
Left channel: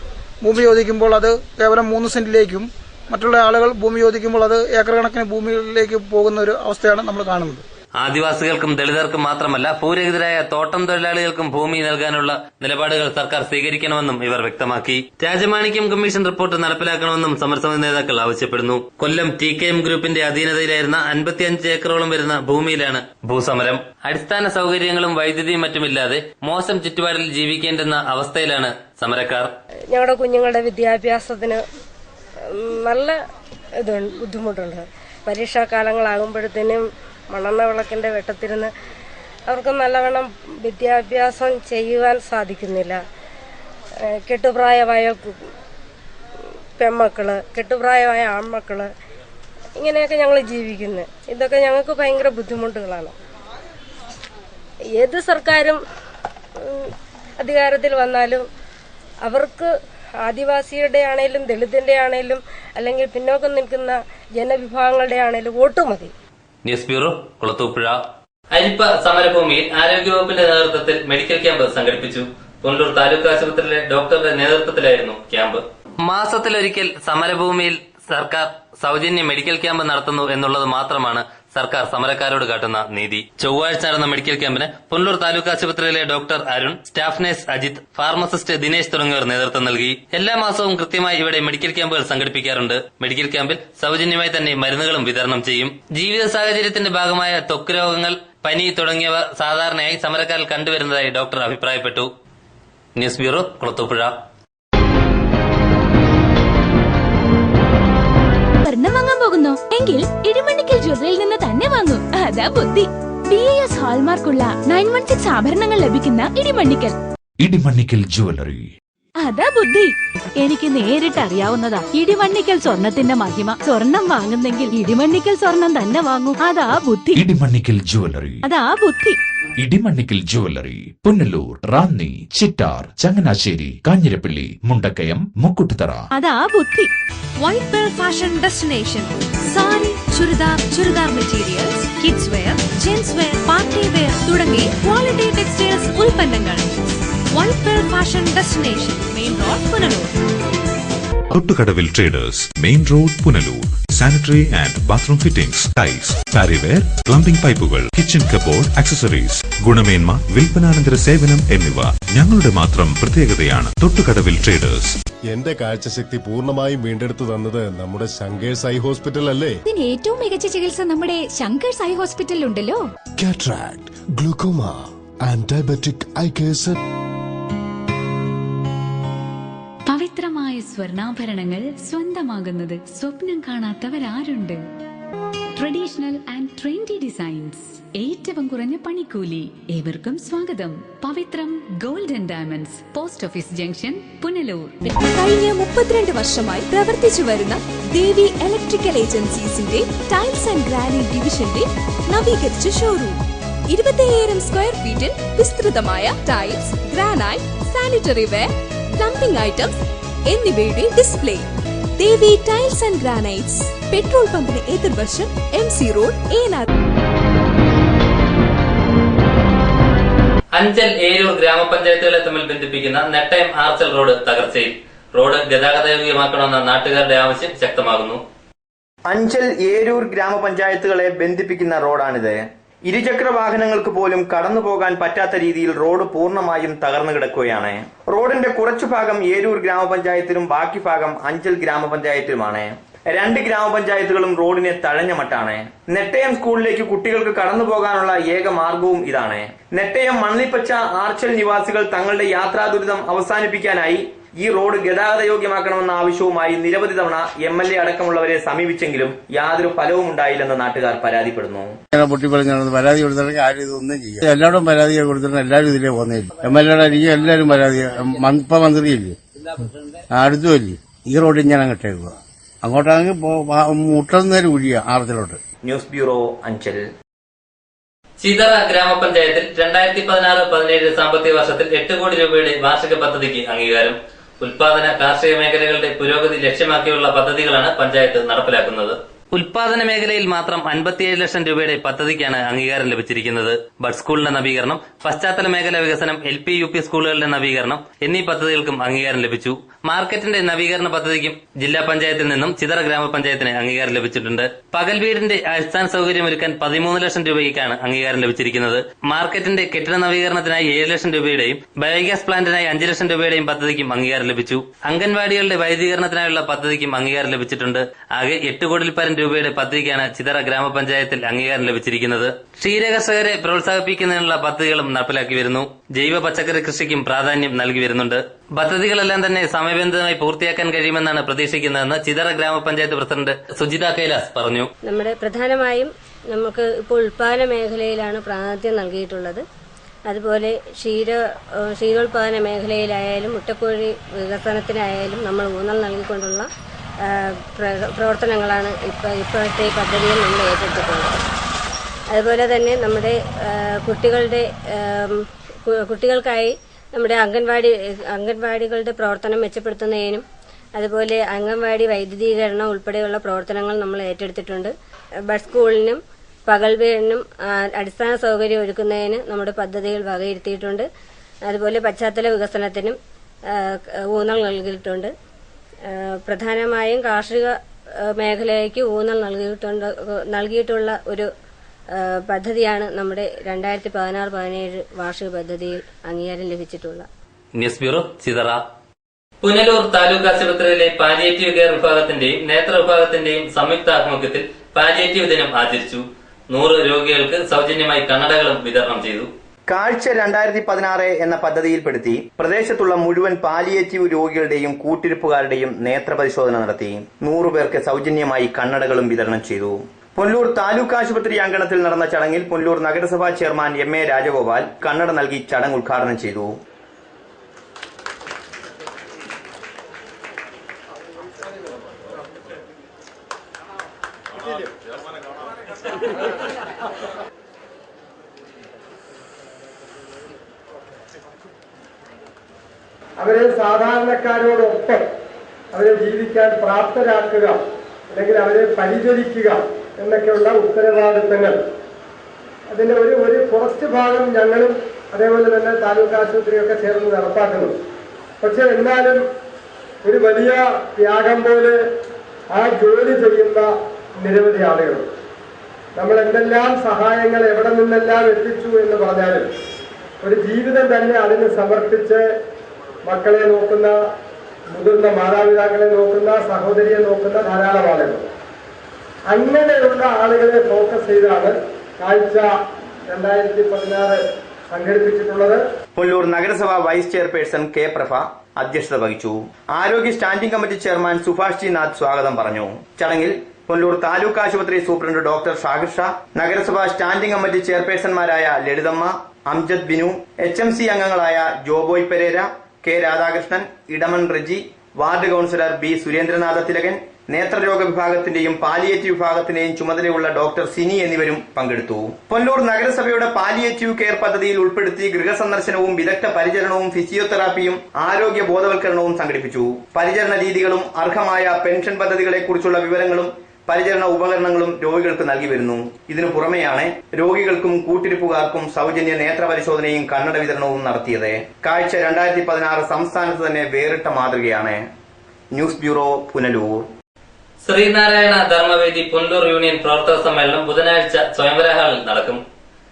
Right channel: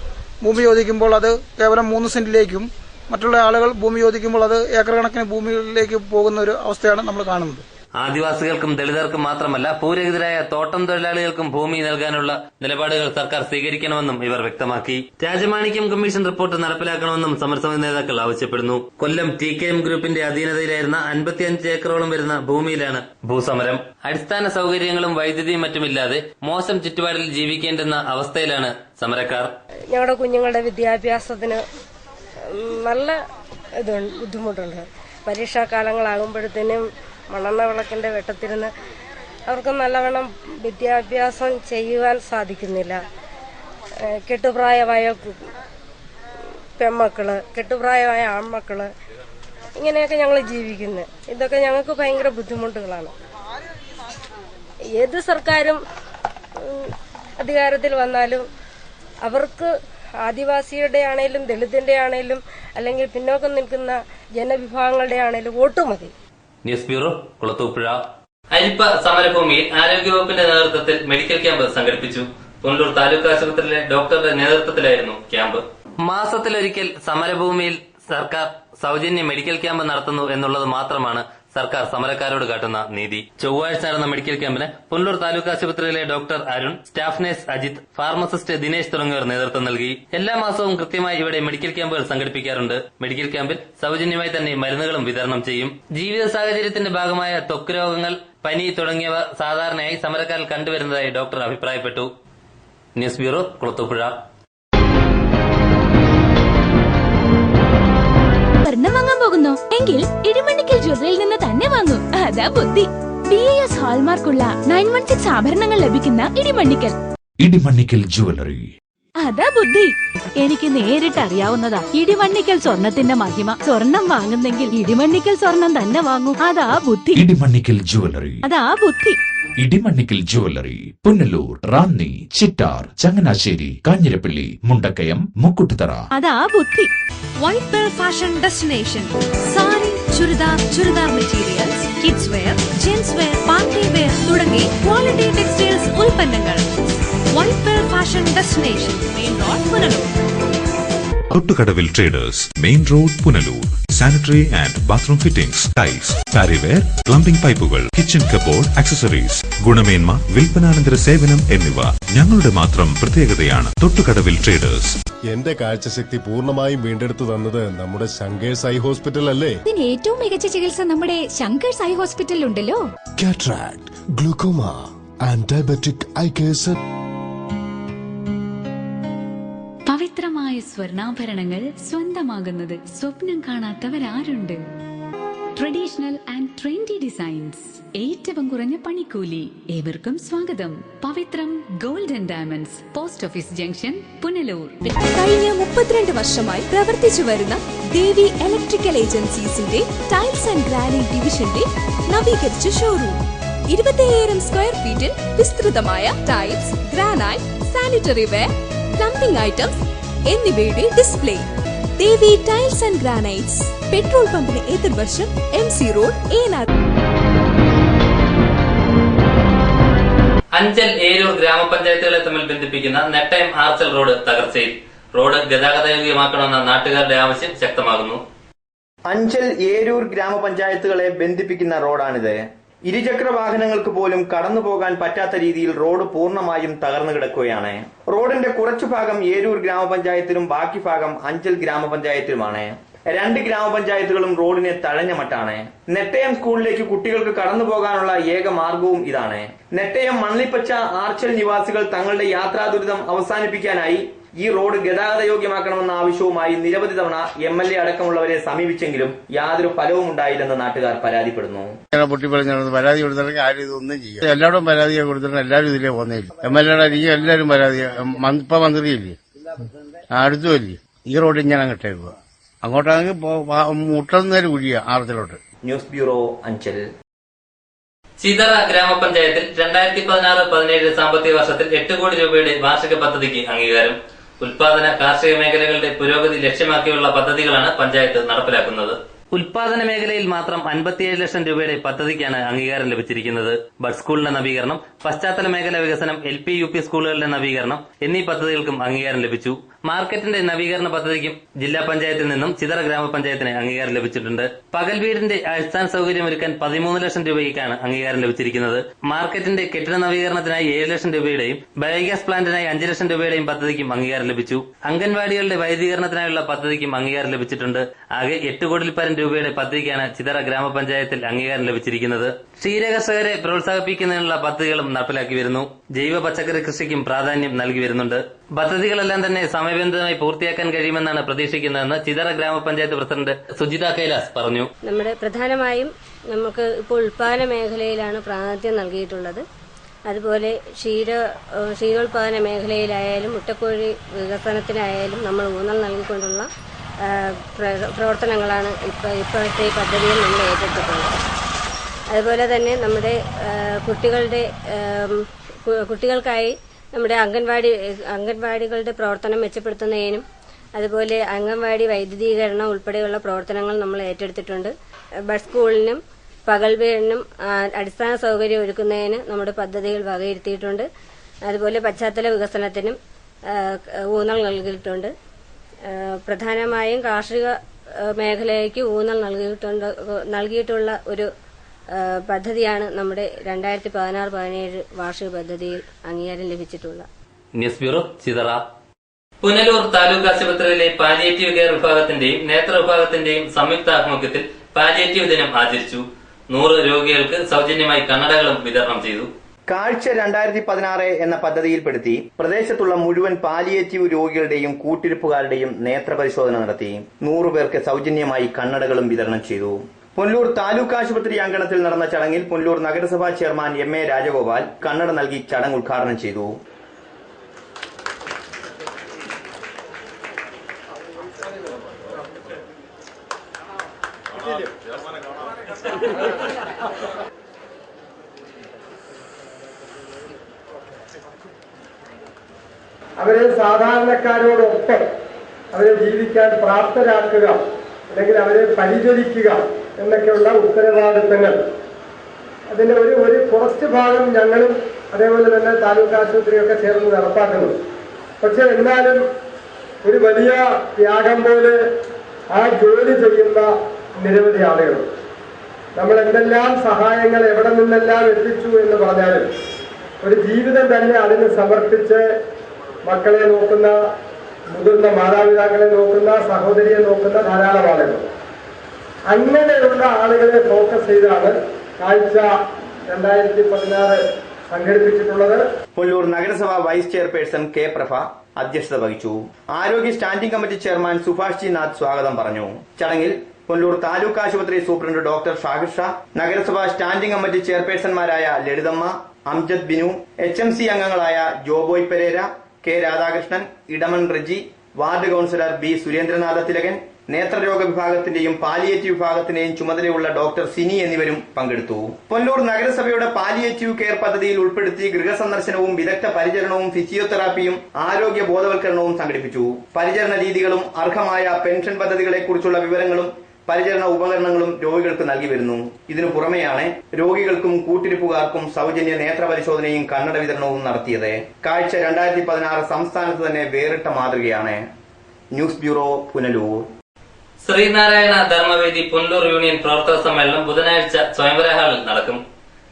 ഭൂമി ചോദിക്കുമ്പോൾ അത് കേവലം 3 സെന്റിലേക്കും മറ്റുള്ള ആളുകൾ ഭൂമി ചോദിക്കുമ്പോൾ അത് ഏക്കർ കണക്കിന് ഭൂമിയിലേക്ക് പോകുന്ന ഒരു അവസ്ഥയാണ് നമ്മൾ കാണുന്നത്. ആദിവാസികൾക്കും ദളിതർക്കും മാത്രമല്ല ഭൂരഹിതരായ തോട്ടം തൊഴിലാളികൾക്കും ഭൂമി നൽകാനുള്ള നിലപാടുകൾ സർക്കാർ സ്വീകരിക്കണമെന്നും ഇവർ വ്യക്തമാക്കി. രാജമാണിക്യം കമ്മീഷൻ റിപ്പോർട്ട് നടപ്പിലാക്കണമെന്നും സമരസമിതി നേതാക്കൾ ആവശ്യപ്പെടുന്നു. കൊല്ലം TKM ഗ്രൂപ്പിന്റെ അധീനതയിലായിരുന്ന 55 ഏക്കറോളം വരുന്ന ഭൂമിയിലാണ് ഭൂസമരം. അടിസ്ഥാന സൌകര്യങ്ങളും വൈദ്യുതിയും മറ്റുമില്ലാതെ മോശം ചുറ്റുപാടിൽ ജീവിക്കേണ്ടുന്ന അവസ്ഥയിലാണ് സമരക്കാർ. ഞങ്ങളുടെ കുഞ്ഞുങ്ങളുടെ വിദ്യാഭ്യാസത്തിന് നല്ല ബുദ്ധിമുട്ടുണ്ട്. പരീക്ഷാകാലങ്ങളാകുമ്പോഴത്തേനും മണ്ണെണ്ണ വിളക്കിന്റെ വെട്ടത്തിരുന്ന് അവർക്ക് നല്ലവണ്ണം വിദ്യാഭ്യാസം ചെയ്യുവാൻ സാധിക്കുന്നില്ല. കെട്ടുപ്രായമായ പെൺമക്കള്, കെട്ടുപ്രായമായ ആൺമക്കള്, ഇങ്ങനെയൊക്കെ ഞങ്ങൾ ജീവിക്കുന്നത്. ഇതൊക്കെ ഞങ്ങൾക്ക് ഭയങ്കര ബുദ്ധിമുട്ടുകളാണ്. ഏത് സർക്കാരും അധികാരത്തിൽ വന്നാലും അവർക്ക് ആദിവാസിയുടെ ആണേലും ദളിതന്റെ ആണേലും അല്ലെങ്കിൽ പിന്നോക്കം നിൽക്കുന്ന ജനവിഭാഗങ്ങളുടെ ആണേലും വോട്ട് മതി. News bureau, Kulathupuzha. അരിപ്പ സമരഭൂമിയിൽ ആരോഗ്യവകുപ്പിന്റെ നേതൃത്വത്തിൽ മെഡിക്കൽ ക്യാമ്പ് സംഘടിപ്പിച്ചു. പുനലൂർ താലൂക്ക് ആശുപത്രിയിലെ ഡോക്ടറുടെ നേതൃത്വത്തിലായിരുന്നു ക്യാമ്പ്. മാസത്തിലൊരിക്കൽ സമരഭൂമിയിൽ സർക്കാർ സൗജന്യ മെഡിക്കൽ ക്യാമ്പ് നടത്തുന്നു എന്നുള്ളത് മാത്രമാണ് സർക്കാർ സമരക്കാരോട് കാട്ടുന്ന നീതി. ചൊവ്വാഴ്ച നടന്ന മെഡിക്കൽ ക്യാമ്പിന് പുനലൂർ താലൂക്ക് ആശുപത്രിയിലെ doctor Arun, staff nurse Ajith, pharmacist Dinesh തുടങ്ങിയവർ നേതൃത്വം നൽകി. എല്ലാ മാസവും കൃത്യമായി ഇവിടെ മെഡിക്കൽ ക്യാമ്പുകൾ സംഘടിപ്പിക്കാറുണ്ട്. മെഡിക്കൽ ക്യാമ്പിൽ സൗജന്യമായി തന്നെ മരുന്നുകളും വിതരണം ചെയ്യും. ജീവിത സാഹചര്യത്തിന്റെ ഭാഗമായ ത്വക്ക് രോഗങ്ങൾ, പനി തുടങ്ങിയവ സാധാരണയായി സമരക്കാരിൽ കണ്ടുവരുന്നതായി ഡോക്ടർ അഭിപ്രായപ്പെട്ടു. News bureau, Kulathupuzha. സ്വർണം വാങ്ങാൻ പോകുന്നു എങ്കിൽ ഇടിമണ്ണിക്കൽ ജ്വല്ലറിയിൽ നിന്ന് തന്നെ വാങ്ങൂ. അതാ ബുദ്ധി. BIS ഹാൾമാർക്കുള്ള 916 ആഭരണങ്ങൾ ലഭിക്കുന്ന ഇടിമണ്ണിക്കൽ ജ്വല്ലറി. അതാ ബുദ്ധി. എനിക്ക് നേരിട്ട് അറിയാവുന്നതാ ഇടിമണ്ണിക്കൽ സ്വർണത്തിന്റെ മഹിമ. സ്വർണം വാങ്ങുന്നെങ്കിൽ ഇടിമണ്ണിക്കൽ സ്വർണം തന്നെ വാങ്ങൂ. അതാ ബുദ്ധി. ഇടിമണ്ണിക്കൽ ജ്വല്ലറി. അതാ ബുദ്ധി. ഇടിമണ്ണിക്കൽ ജ്വല്ലറി, പുനലൂർ, റാന്നി, ചിറ്റാർ, ചങ്ങനാശ്ശേരി, കാഞ്ഞിരപ്പള്ളി, മുണ്ടക്കയം, മുക്കുട്ടുതറ. അതാ ബുദ്ധി. White Pel fashion destination. Sari, churidar materials, kids wear, gents wear, party wear തുടങ്ങി ക്വാളിറ്റി ടെക്സ്റ്റൈൽസ് ഉൽപ്പന്നങ്ങൾ. White Pel fashion destination, main road, Punalur. Thottukadavil traders, main road, Punalur. Sanitary and bathroom fittings, tiles, Parryware, plumbing പൈപ്പുകൾ, kitchen cupboard, accessories, ഗുണമേന്മ, വിൽപ്പനാനന്തര സേവനം എന്നിവ ഞങ്ങളുടെ മാത്രം പ്രത്യേകതയാണ്. തൊട്ടുകടവിൽ ട്രേഡേഴ്സ്. എന്റെ കാഴ്ചശക്തി പൂർണ്ണമായും വീണ്ടെടുത്തു തന്നത് നമ്മുടെ ശങ്കേഴ്സ് ഐ ഹോസ്പിറ്റൽ അല്ലേ? ഇതിന് ഏറ്റവും മികച്ച ചികിത്സ നമ്മുടെ ശങ്കേഴ്സ് ഐ ഹോസ്പിറ്റലിൽ ഉണ്ടല്ലോ. Cataract, glaucoma and diabetic eye case. പവിത്രമായ സ്വർണ്ണാഭരണങ്ങൾ സ്വന്തമാകുന്നത് സ്വപ്നം കാണാത്തവരാരുണ്ട്? ട്രഡീഷണൽ ആൻഡ് ട്രെൻഡി ഡിസൈൻസ്, ഏറ്റവും കുറഞ്ഞ പണിക്കൂലി. ഏവർക്കും സ്വാഗതം. Pavithram gold and diamonds, post office junction, Punalur. കഴിഞ്ഞ 32 വർഷമായി പ്രവർത്തിച്ചു വരുന്ന ദേവി ഇലക്ട്രിക്കൽ ഏജൻസീസിന്റെ ടൈൽസ് ആൻഡ് ഗ്രാനൈറ്റ് ഡിവിഷന്റെ നവീകരിച്ച ഷോറൂം. 25,000 സ്ക്വയർ ഫീറ്റിൽ വിസ്തൃതമായ tiles, granite, sanitary ware, plumbing items എന്നിവയുടെ display. Devi tiles and granites, petrol പമ്പിന് എതിർവശം, MC റോഡ്, ഏനാർ. അഞ്ചൽ ഏരൂർ ഗ്രാമപഞ്ചായത്തുകളെ തമ്മിൽ ബന്ധിപ്പിക്കുന്ന നെട്ടയം ആർച്ചൽ റോഡ് തകർച്ചയിൽ. റോഡ് ഗതാഗതയോഗ്യമാക്കണമെന്ന നാട്ടുകാരുടെ ആവശ്യം ശക്തമാകുന്നു. അഞ്ചൽ ഏരൂർ ഗ്രാമപഞ്ചായത്തുകളെ ബന്ധിപ്പിക്കുന്ന റോഡാണിത്. ഇരുചക്ര വാഹനങ്ങൾക്ക് പോലും കടന്നു പോകാൻ പറ്റാത്ത രീതിയിൽ റോഡ് പൂർണ്ണമായും തകർന്നു കിടക്കുകയാണ്. റോഡിന്റെ കുറച്ചു ഭാഗം ഏരൂർ ഗ്രാമപഞ്ചായത്തിലും ബാക്കി ഭാഗം അഞ്ചൽ ഗ്രാമപഞ്ചായത്തിലുമാണ്. 2 ഗ്രാമപഞ്ചായത്തുകളും റോഡിനെ തഴഞ്ഞ മട്ടാണ്. നെട്ടയം സ്കൂളിലേക്ക് കുട്ടികൾക്ക് കടന്നു പോകാനുള്ള ഏക മാർഗവും ഇതാണ്. നെട്ടയം മണ്ണിപ്പച്ച ആർച്ചൽ നിവാസികൾ തങ്ങളുടെ യാത്രാ ദുരിതം അവസാനിപ്പിക്കാനായി ഈ റോഡ് ഗതാഗത യോഗ്യമാക്കണമെന്ന ആവശ്യവുമായി നിരവധി തവണ MLA അടക്കമുള്ളവരെ സമീപിച്ചെങ്കിലും യാതൊരു ഫലവും ഉണ്ടായില്ലെന്ന് നാട്ടുകാർ പരാതിപ്പെടുന്നു. പൊട്ടിപ്പറഞ്ഞു പരാതി കൊടുത്തിട്ടുണ്ടെങ്കിൽ ആരും ഇതൊന്നും ചെയ്യും. എല്ലാവരും പരാതി കൊടുത്തിട്ടുണ്ട്, എല്ലാവരും ഇതിലേ പോകുന്നില്ല. MLA എനിക്ക് എല്ലാവരും പരാതി, ഇപ്പൊ മന്ത്രിയില്ലേ അടുത്തുമില്ലേ, ഈ റോഡ് ഇങ്ങനെ കിട്ടേക്കുക, അങ്ങോട്ടാണെങ്കിൽ മുട്ടുന്നേരം കുഴിയ ആറത്തിലോട്ട്. News bureau, Anchal. ചിതറ ഗ്രാമപഞ്ചായത്തിൽ 2016-17 സാമ്പത്തിക വർഷത്തിൽ 8 കോടി രൂപയുടെ വാർഷിക പദ്ധതിക്ക് അംഗീകാരം. ഉൽപാദന കാർഷിക മേഖലകളുടെ പുരോഗതി ലക്ഷ്യമാക്കിയുള്ള പദ്ധതികളാണ് പഞ്ചായത്ത് നടപ്പിലാക്കുന്നത്. ഉൽപാദന മേഖലയിൽ മാത്രം 57 ലക്ഷം രൂപയുടെ പദ്ധതിക്കാണ് അംഗീകാരം ലഭിച്ചിരിക്കുന്നത്. ബഡ് സ്കൂളിന്റെ നവീകരണം, പശ്ചാത്തല മേഖലാ വികസനം, LP UP സ്കൂളുകളുടെ നവീകരണം എന്നീ പദ്ധതികൾക്കും അംഗീകാരം ലഭിച്ചു. മാർക്കറ്റിന്റെ നവീകരണ പദ്ധതിക്കും ജില്ലാ പഞ്ചായത്തിൽ നിന്നും ചിതറ ഗ്രാമപഞ്ചായത്തിന് അംഗീകാരം ലഭിച്ചിട്ടുണ്ട്. പകൽ വീടിന്റെ അടിസ്ഥാന സൗകര്യമൊരുക്കാൻ 13 ലക്ഷം രൂപയ്ക്കാണ് അംഗീകാരം ലഭിച്ചിരിക്കുന്നത്. മാർക്കറ്റിന്റെ കെട്ടിട നവീകരണത്തിനായി 7 ലക്ഷം രൂപയുടെയും ബയോഗ്യാസ് പ്ലാന്റിനായി 5 ലക്ഷം രൂപയുടെയും പദ്ധതിക്കും അംഗീകാരം ലഭിച്ചു. അംഗൻവാടികളുടെ വൈദ്യുതീകരണത്തിനായുള്ള പദ്ധതിക്കും അംഗീകാരം ലഭിച്ചിട്ടുണ്ട്. ആകെ 8 കോടിയിൽ പരം രൂപയുടെ പദ്ധതിക്കാണ് ചിതറ ഗ്രാമപഞ്ചായത്തിൽ അംഗീകാരം ലഭിച്ചിരിക്കുന്നത്. ക്ഷീരകർഷകരെ പ്രോത്സാഹിപ്പിക്കുന്നതിനുള്ള പദ്ധതികളും നടപ്പിലാക്കി വരുന്നു. ജൈവ പച്ചക്കറി കൃഷിക്കും പ്രാധാന്യം നൽകി വരുന്നുണ്ട്. പദ്ധതികളെല്ലാം തന്നെ സമയബന്ധിതമായി പൂർത്തിയാക്കാൻ കഴിയുമെന്നാണ് പ്രതീക്ഷിക്കുന്നതെന്ന് ചിതറ ഗ്രാമപഞ്ചായത്ത് പ്രസിഡന്റ് സുജിത കൈലാസ് പറഞ്ഞു. നമ്മുടെ പ്രധാനമായും നമുക്ക് ഇപ്പോൾ ഉൽപാദന മേഖലയിലാണ് പ്രാതിനിധ്യം നൽകിയിട്ടുള്ളത്. അതുപോലെ ക്ഷീരോത്പാദന മേഖലയിലായാലും മുട്ടക്കോഴി വികസനത്തിനായാലും നമ്മൾ ഊന്നൽ നൽകിക്കൊണ്ടുള്ള പ്രവർത്തനങ്ങളാണ് ഇപ്പോഴത്തെ ഈ പദ്ധതിയിൽ നമ്മൾ ഏറ്റെടുത്തിട്ടുള്ളത്. അതുപോലെ തന്നെ നമ്മുടെ കുട്ടികൾക്കായി നമ്മുടെ അംഗൻവാടികളുടെ പ്രവർത്തനം മെച്ചപ്പെടുത്തുന്നതിനും അതുപോലെ അംഗൻവാടി വൈദ്യുതീകരണം ഉൾപ്പെടെയുള്ള പ്രവർത്തനങ്ങൾ നമ്മൾ ഏറ്റെടുത്തിട്ടുണ്ട്. ബഡ് സ്കൂളിനും പകൽ വീടിനും അടിസ്ഥാന സൗകര്യം ഒരുക്കുന്നതിന് നമ്മുടെ പദ്ധതികൾ വകയിരുത്തിയിട്ടുണ്ട്. അതുപോലെ പശ്ചാത്തല വികസനത്തിനും ഊന്നൽ നൽകിയിട്ടുണ്ട്. പ്രധാനമായും കാർഷിക മേഖലയ്ക്ക് ഊന്നൽ നൽകിയിട്ടുള്ള ഒരു പദ്ധതിയാണ് നമ്മുടെ 2016-17 വാർഷിക പദ്ധതിയിൽ അംഗീകാരം ലഭിച്ചിട്ടുള്ള. News bureau, Chithara. പുനലൂർ താലൂക്ക് ആശുപത്രിയിലെ പാലിയേറ്റീവ് കെയർ വിഭാഗത്തിന്റെയും നേത്ര വിഭാഗത്തിന്റെയും സംയുക്ത ആഭിമുഖ്യത്തിൽ പാലിയേറ്റീവ് ദിനം ആചരിച്ചു. 100 രോഗികൾക്ക് സൗജന്യമായി കണ്ണടകളും വിതരണം ചെയ്തു. കാഴ്ച 2016 എന്ന പദ്ധതിയിൽപ്പെടുത്തി പ്രദേശത്തുള്ള മുഴുവൻ പാലിയേറ്റീവ് രോഗികളുടെയും കൂട്ടിരിപ്പുകാരുടെയും നേത്രപരിശോധന നടത്തി. 100 പേർക്ക് സൗജന്യമായി കണ്ണടകളും വിതരണം ചെയ്തു. പുനലൂർ താലൂക്ക് ആശുപത്രി അങ്കണത്തിൽ നടന്ന ചടങ്ങിൽ പുനലൂർ നഗരസഭാ ചെയർമാൻ MA രാജഗോപാൽ കണ്ണട നൽകി ചടങ്ങ് ഉദ്ഘാടനം ചെയ്തു. അവരെ സാധാരണക്കാരോടൊപ്പം അവരെ ജീവിക്കാൻ പ്രാപ്തരാക്കുക, അല്ലെങ്കിൽ അവരെ പരിചരിക്കുക എന്നൊക്കെയുള്ള ഉത്തരവാദിത്തങ്ങൾ, അതിന്റെ ഒരു കുറച്ച് ഭാഗം ഞങ്ങളും അതേപോലെ തന്നെ താലൂക്ക് ആശുപത്രിയൊക്കെ ചേർന്ന് നടപ്പാക്കുന്നു. പക്ഷെ എന്നാലും ഒരു വലിയ ത്യാഗം പോലെ ആ ജോലി ചെയ്യുന്ന നിരവധി ആളുകൾ, നമ്മൾ എന്തെല്ലാം സഹായങ്ങൾ എവിടെ നിന്നെല്ലാം എത്തിച്ചു എന്ന് പറഞ്ഞാലും ഒരു ജീവിതം തന്നെ അതിന് സമർപ്പിച്ച് മക്കളെ നോക്കുന്ന, മുതിർന്ന മാതാപിതാക്കളെ നോക്കുന്ന, സഹോദരിയെ നോക്കുന്ന ധാരാളം ആളുകൾ. അങ്ങനെയുള്ള ആളുകളെ ഫോക്കസ് ചെയ്താണ് കാഴ്ച 2016 സംഘടിപ്പിച്ചിട്ടുള്ളത്. പുനലൂർ നഗരസഭ വൈസ് ചെയർപേഴ്സൺ K. പ്രഭ അധ്യക്ഷത വഹിച്ചു. ആരോഗ്യ standing committee chairman Subhash G Nath സ്വാഗതം പറഞ്ഞു. ചടങ്ങിൽ പുനലൂർ താലൂക്ക് ആശുപത്രി സൂപ്രണ്ട് ഡോക്ടർ ഷാഹിർ ഷാ, നഗരസഭാ സ്റ്റാൻഡിംഗ് കമ്മിറ്റി ചെയർപേഴ്സൺമാരായ ലളിതമ്മ, അംജദ് ബിനു, HMC അംഗങ്ങളായ Joboy Perera, K. Radhakrishnan, Edamon Reji, ward councillor B. Surendranatha Thilakan, നേത്രരോഗ വിഭാഗത്തിന്റെയും പാലിയേറ്റീവ് വിഭാഗത്തിന്റെയും ചുമതലയുള്ള ഡോക്ടർ സിനി എന്നിവരും പങ്കെടുത്തു. പുനലൂർ നഗരസഭയുടെ പാലിയേറ്റീവ് കെയർ പദ്ധതിയിൽ ഉൾപ്പെടുത്തി ഗൃഹസന്ദർശനവും വിദഗ്ധ പരിചരണവും ഫിസിയോതെറാപ്പിയും ആരോഗ്യ ബോധവൽക്കരണവും സംഘടിപ്പിച്ചു. പരിചരണ രീതികളും അർഹമായ പെൻഷൻ പദ്ധതികളെക്കുറിച്ചുള്ള വിവരങ്ങളും പരിചരണ ഉപകരണങ്ങളും രോഗികൾക്ക് നൽകി വരുന്നു. ഇതിനു പുറമെയാണ് രോഗികൾക്കും കൂട്ടിരിപ്പുകാർക്കും സൗജന്യ നേത്ര പരിശോധനയും കണ്ണട വിതരണവും നടത്തിയത്. കാഴ്ച 2016 സംസ്ഥാനത്ത് തന്നെ വേറിട്ട മാതൃകയാണ്. News bureau, Punalur. Sreenarayana Dharmavedi Punalur union പ്രവർത്തക സമ്മേളനം ബുധനാഴ്ച സ്വയംവര ഹാളിൽ നടക്കും.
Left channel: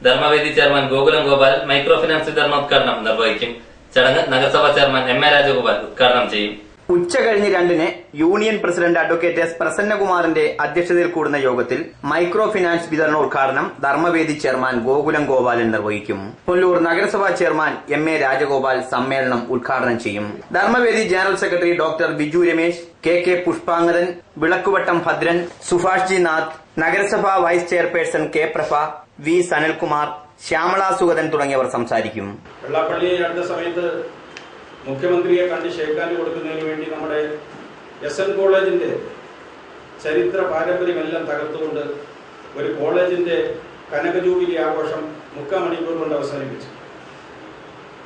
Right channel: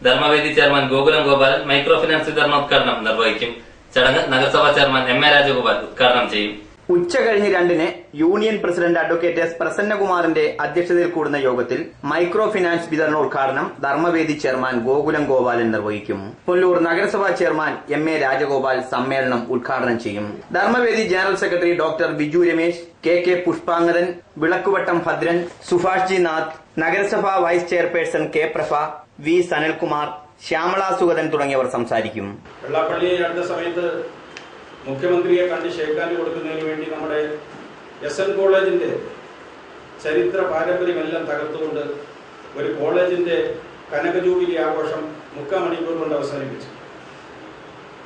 Dharmavedi chairman Gokulam Gopalan micro finance വിതരണോദ്ഘാടനം നിർവഹിക്കും. ചടങ്ങ് നഗരസഭാ ചെയർമാൻ MA രാജഗോപാൽ ഉദ്ഘാടനം ചെയ്യും. ഉച്ച കഴിഞ്ഞ് 2-ന് യൂണിയൻ പ്രസിഡന്റ് അഡ്വക്കേറ്റ് എസ് പ്രസന്നകുമാറിന്റെ അധ്യക്ഷതയിൽ കൂടുന്ന യോഗത്തിൽ മൈക്രോ ഫിനാൻസ് വിതരണോദ്ഘാടനം ധർമ്മവേദി ചെയർമാൻ ഗോകുലം ഗോപാലൻ നിർവഹിക്കും. പുനലൂർ നഗരസഭാ ചെയർമാൻ MA രാജഗോപാൽ സമ്മേളനം ഉദ്ഘാടനം ചെയ്യും. Dharmavedi general secretary doctor Biju Ramesh, KK Pushpangaran, Vilakkuvattam Bhadran, Subhash G Nath, നഗരസഭാ vice chairperson K Prabha, V Sanalkumar, Shyamala Sugathan തുടങ്ങിയവർ സംസാരിക്കും. വെള്ളാപ്പള്ളി അടുത്ത സമയത്ത് മുഖ്യമന്ത്രിയെ കണ്ട് ഷേക്കാൻഡ് കൊടുക്കുന്നതിന് വേണ്ടി നമ്മുടെ SN കോളേജിന്റെ ചരിത്ര പാരമ്പര്യമെല്ലാം തകർത്തുകൊണ്ട് ഒരു കോളേജിന്റെ കനക ജൂബിലി ആഘോഷം 3/4 മണിക്കൂർ കൊണ്ട് അവസാനിപ്പിച്ചു.